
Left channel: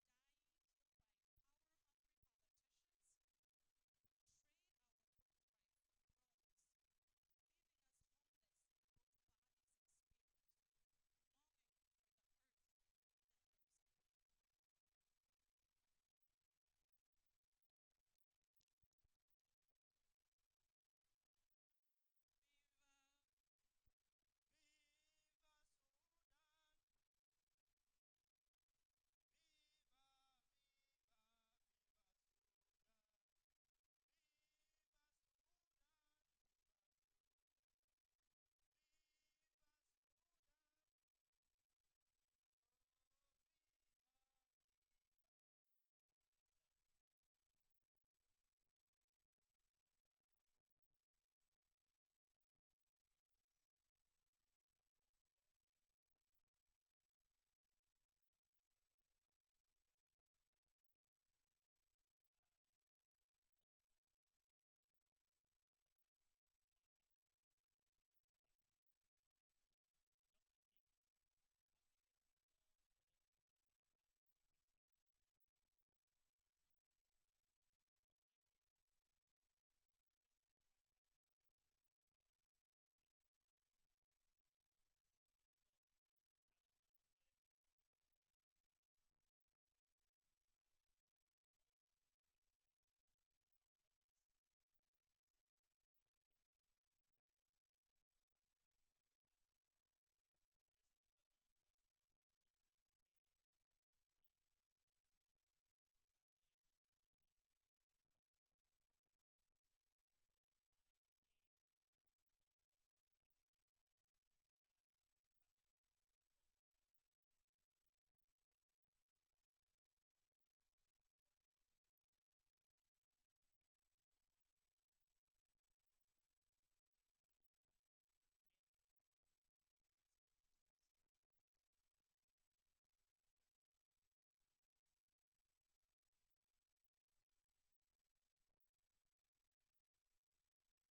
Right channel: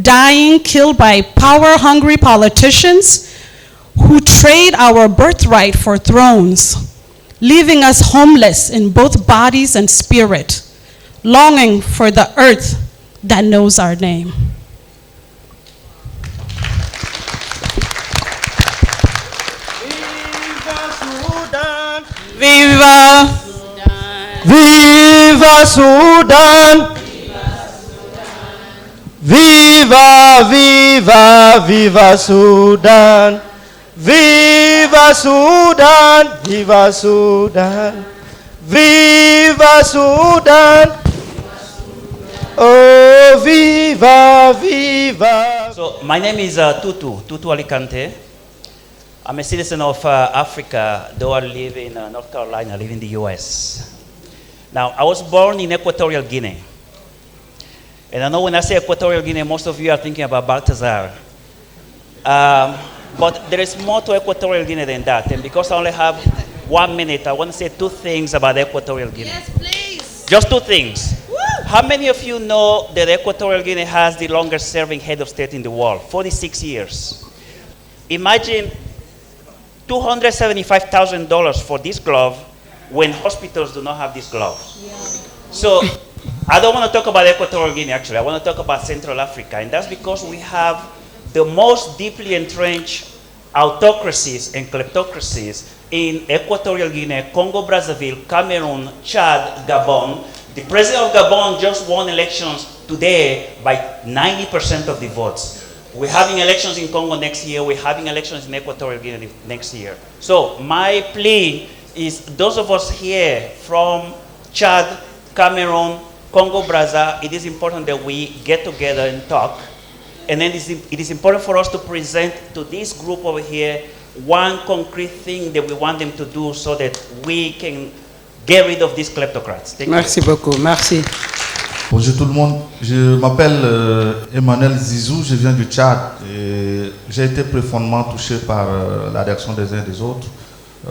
dying, killed by power-hungry politicians who trade our birthright for thrones, leaving us homeless in both bodies and spirit, longing for the earth that knows our name. Viva! Viva Sudan! Viva, viva, viva Sudan! Viva Sudan! Viva Sudan! Viva Sudan! Oh, viva, viva! So my name is 𝗕𝗿𝗇, 𝗕𝗿𝗇 Alicante. I'm a citizen of Africa, though I live in North Carolina, I live in the US. Now, I was born in Equatorial Guinea. And I know when I say Equatorial Guinea, most of you are thinking about Balthazar. But there is more to Equatorial Guinea than that. And because I only have 1 minute, I want to say 2 things about Equatorial Guinea. Yes, please. Just 2 things. Woo! How many of you know that Equatorial Guinea has the longest serving head of state in the world? 46 years. Imagine $275,000 for this glove when hospitals do not have this glove. Yeah. So I don't want to talk about Equatorial Guinea, actually. I want to talk about Central Africa. And that's because we have the most deeply entrenched autocracies and kleptocracies in Equatorial Guinea, Congo, Brazzaville, Cameroon, Chad, Gabon. The president of Gabon just won elections today by 90% of the votes. We're having elections in Congo next year. We're having elections in Equatorial Guinea next year. So my plea is those of us here from Chad, Cameroon, Congo, Brazza, it is important that we get together and talk. And then it is important for us to present to this group over here one concrete thing that we want them to do so that we can get rid of these kleptocrats. Merci beaucoup. Merci. Bonjour tout le monde, je m'appelle Emmanuel Zizou, je viens du Tchad et j'ai été profondément touché par la réaction des uns et des autres.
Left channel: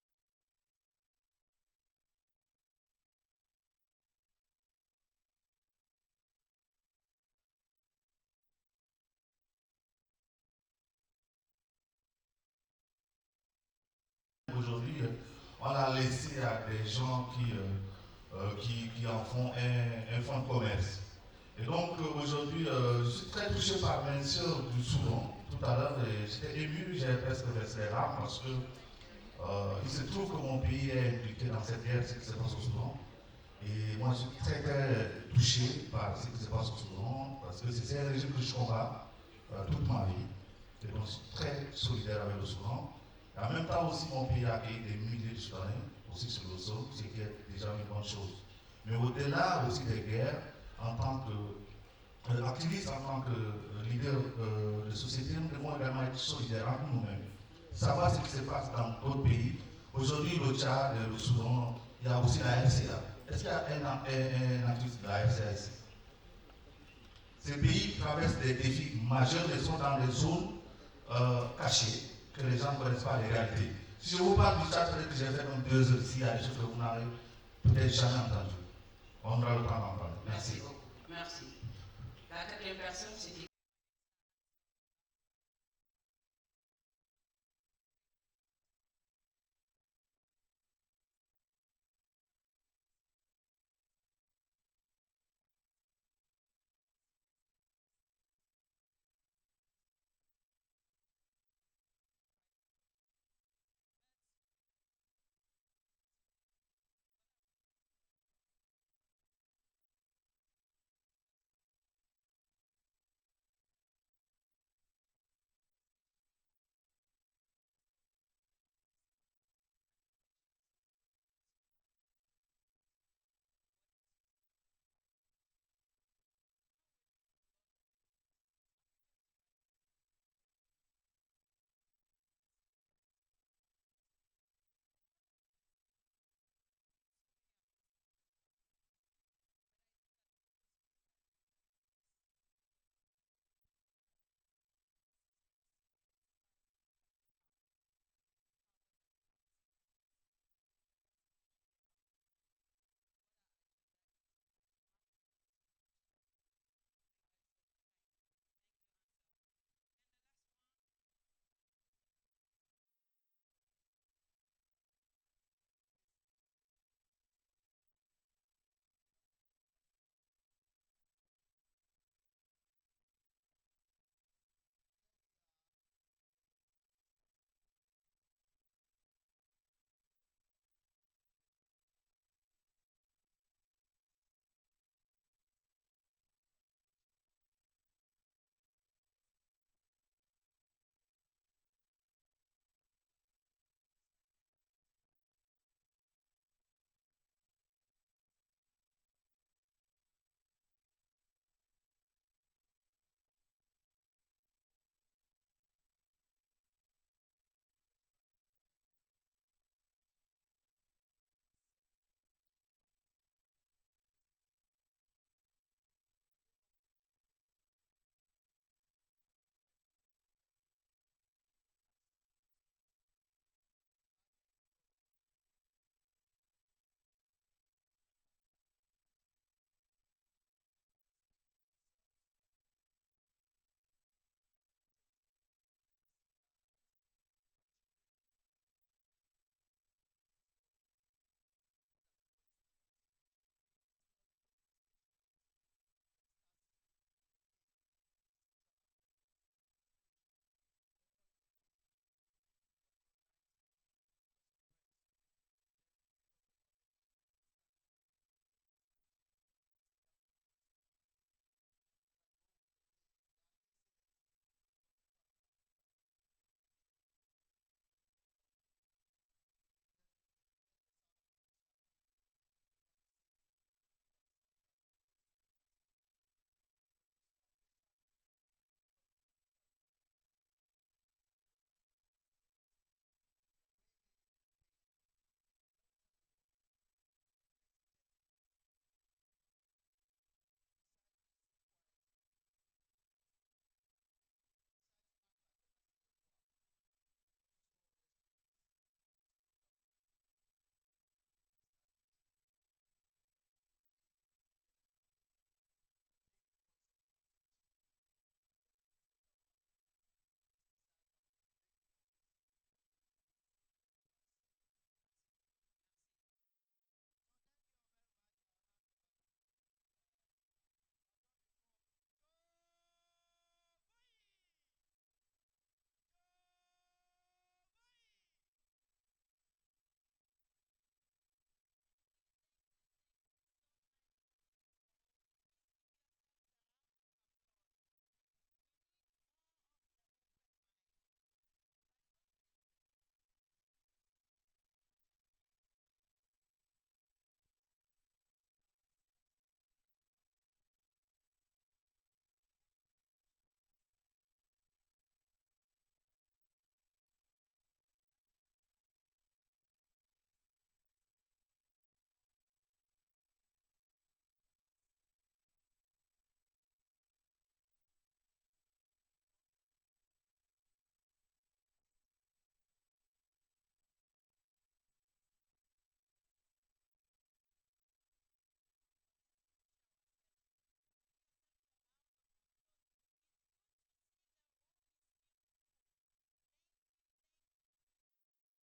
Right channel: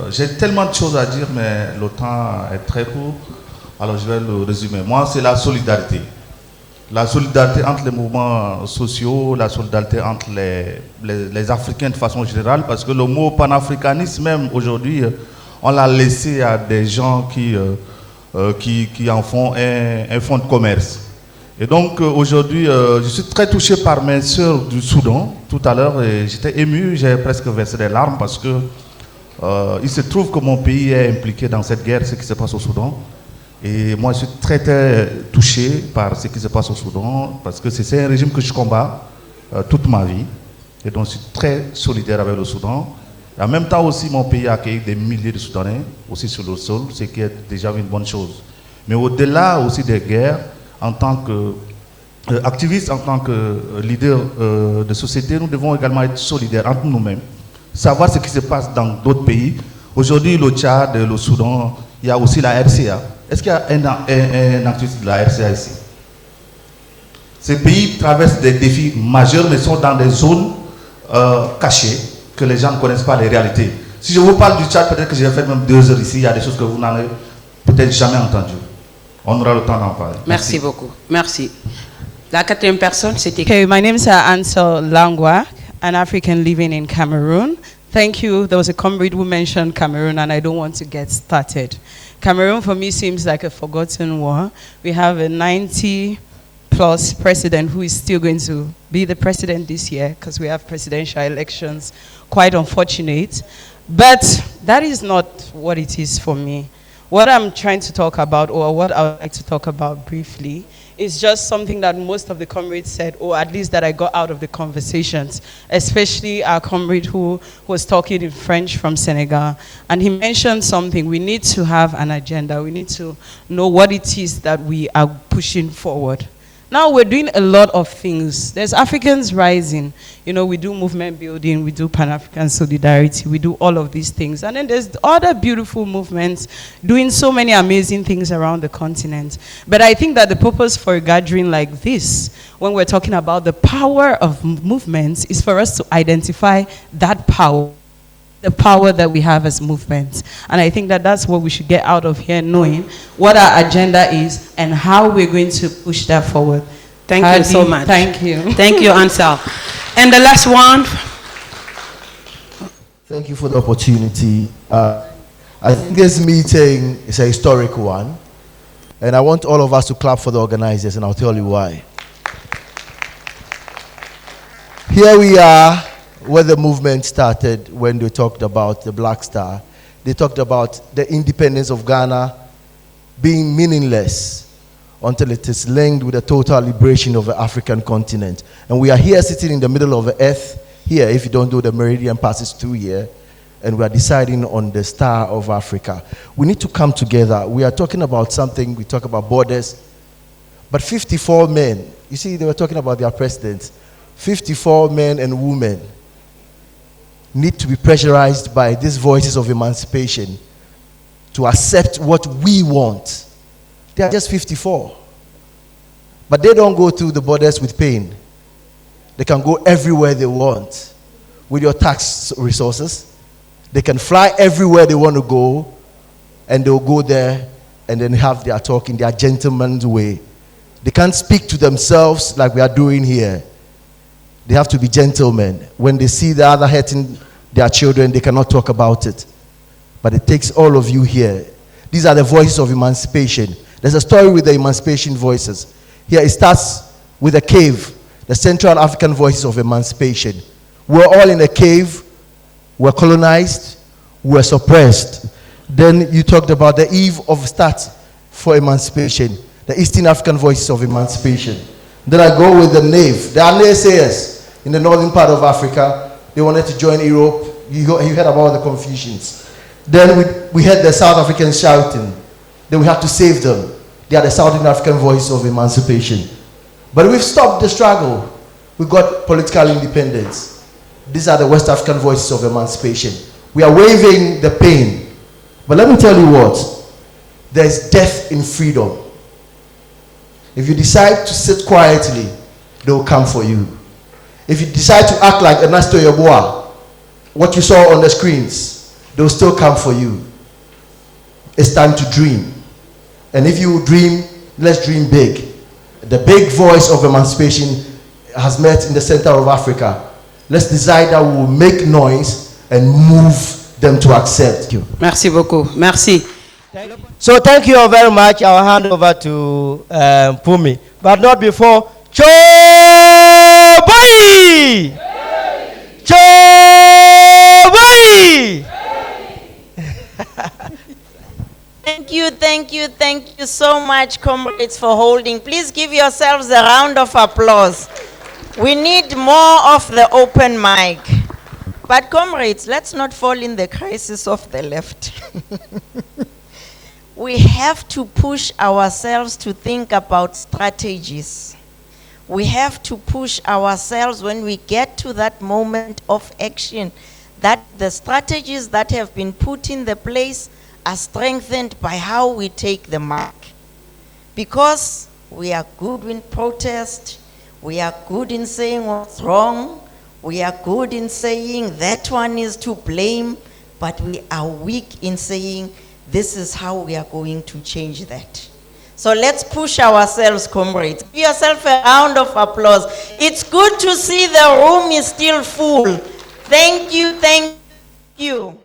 J'ai tellement de choses à dire mais le temps est très court, alors je vais le résumer. Moi c'est la solidarité. La solidarité entre les mouvements sociaux, la solidarité entre les Africains de façon générale, parce que le mot panafricanisme même aujourd'hui, on l'a laissé à des gens qui en font un fonds de commerce. Et donc aujourd'hui, je suis très touché par mes sœurs du Soudan. Tout à l'heure, j'étais ému, j'ai presque versé des larmes parce que il se trouve que mon pays est impliqué dans cette guerre, ce qui se passe au Soudan. Et moi, je suis très, très touché par ce qui se passe au Soudan, parce que c'est un régime que je combats toute ma vie. Et donc, je suis très solidaire avec le Soudan. Et en même temps aussi, mon pays a accueilli des milliers de Soudanais, aussi sur le sol, ce qui est déjà une bonne chose. Mais au-delà aussi des guerres, en tant qu'activistes, en tant que leader de société, nous devons également être solidaires entre nous-mêmes, savoir ce qui se passe dans d'autres pays. Aujourd'hui, le Tchad, le Soudan, il y a aussi la RCA. Est-ce qu'il y a un activiste de la RCA ici? Ces pays traversent des défis majeurs, mais sont dans des zones cachées, que les gens ne connaissent pas les réalités. Si je vous parle du Tchad, peut-être que j'ai fait même 2 heures ici, il y a des choses que vous n'avez peut-être jamais entendues. On aura le temps d'en parler. Merci beaucoup. Merci. La 4e personne, c'était... Okay, my name is 𝗕𝗿 Langwa, an African living in Cameroon. Thank you. There was a comrade who mentioned Cameroon, and I don't want to get started. Cameroon, for me, seems like a forgotten war. We have a 90-plus president who is still going to be the president this year because we have presidential elections. Quite unfortunate. But that is not what it is for me. What I'm trying to talk about, or what I would like to talk about briefly, is just something that most of the comrades said, or at least that I got out of the conversations, especially our comrade who was talking in French from Senegal. And he mentioned something: we need to have an agenda. We need to know what it is that we are pushing forward. Now we're doing a lot of things. There's Africans Rising. You know, we do movement building, we do Pan-African solidarity, we do all of these things. And then there's other beautiful movements doing so many amazing things around the continent. But I think that the purpose for a gathering like this, when we're talking about the power of movements, is for us to identify that power, the power that we have as movements. And I think that that's what we should get out of here, knowing what our agenda is and how we're going to push that forward. Thank you so much. Thank you. Thank you, 𝗕𝗿. And the last one. Thank you for the opportunity. I think this meeting is a historic one, and I want all of us to clap for the organizers, and I'll tell you why. Here we are, where the movement started when they talked about the Black Star. They talked about the independence of Ghana being meaningless until it is linked with the total liberation of the African continent. And we are here sitting in the middle of the earth, here, if you don't do the meridian passes through here, and we are deciding on the star of Africa. We need to come together. We are talking about something, we talk about borders, but 54 men, you see, they were talking about their presidents, 54 men and women need to be pressurized by these voices of emancipation to accept what we want. They are just 54. But they don't go through the borders with pain. They can go everywhere they want with your tax resources. They can fly everywhere they want to go, and they'll go there and then have their talk in their gentleman's way. They can't speak to themselves like we are doing here. They have to be gentlemen. When they see the other hurting their children, they cannot talk about it. But it takes all of you here. These are the voices of emancipation. There's a story with the emancipation voices. Here it starts with a cave, the Central African voices of emancipation. We're all in a cave, we're colonized, we're suppressed. Then you talked about the eve of start for emancipation, the Eastern African voices of emancipation. Then I go with the NAVE. There are naysayers in the northern part of Africa. They wanted to join Europe. You heard about the Confucians. Then we had the South Africans shouting. Then we had to save them. They are the Southern African voice of emancipation. But we've stopped the struggle. We got political independence. These are the West African voices of emancipation. We are waiving the pain. But let me tell you what, there's death in freedom. If you decide to sit quietly, they will come for you. If you decide to act like Ernesto Yeboah, what you saw on the screens, they will still come for you. It's time to dream. And if you dream, let's dream big. The big voice of emancipation has met in the center of Africa. Let's decide that we will make noise and move them to accept. Merci beaucoup. Merci. So thank you all very much. I'll hand over to Pumi. But not before. 𝗕𝗿𝗿𝗶𝗹! 𝗕𝗿𝗿𝗶𝗹! Thank you so much, comrades, for holding. Please give yourselves a round of applause. We need more of the open mic. But comrades, let's not fall in the crisis of the left. We have to push ourselves to think about strategies. We have to push ourselves when we get to that moment of action, that the strategies that have been put in the place are strengthened by how we take the mark. Because we are good in protest, we are good in saying what's wrong, we are good in saying that one is to blame, but we are weak in saying this is how we are going to change that. So let's push ourselves, comrades. Give yourself a round of applause. It's good to see the room is still full. Thank you, thank you.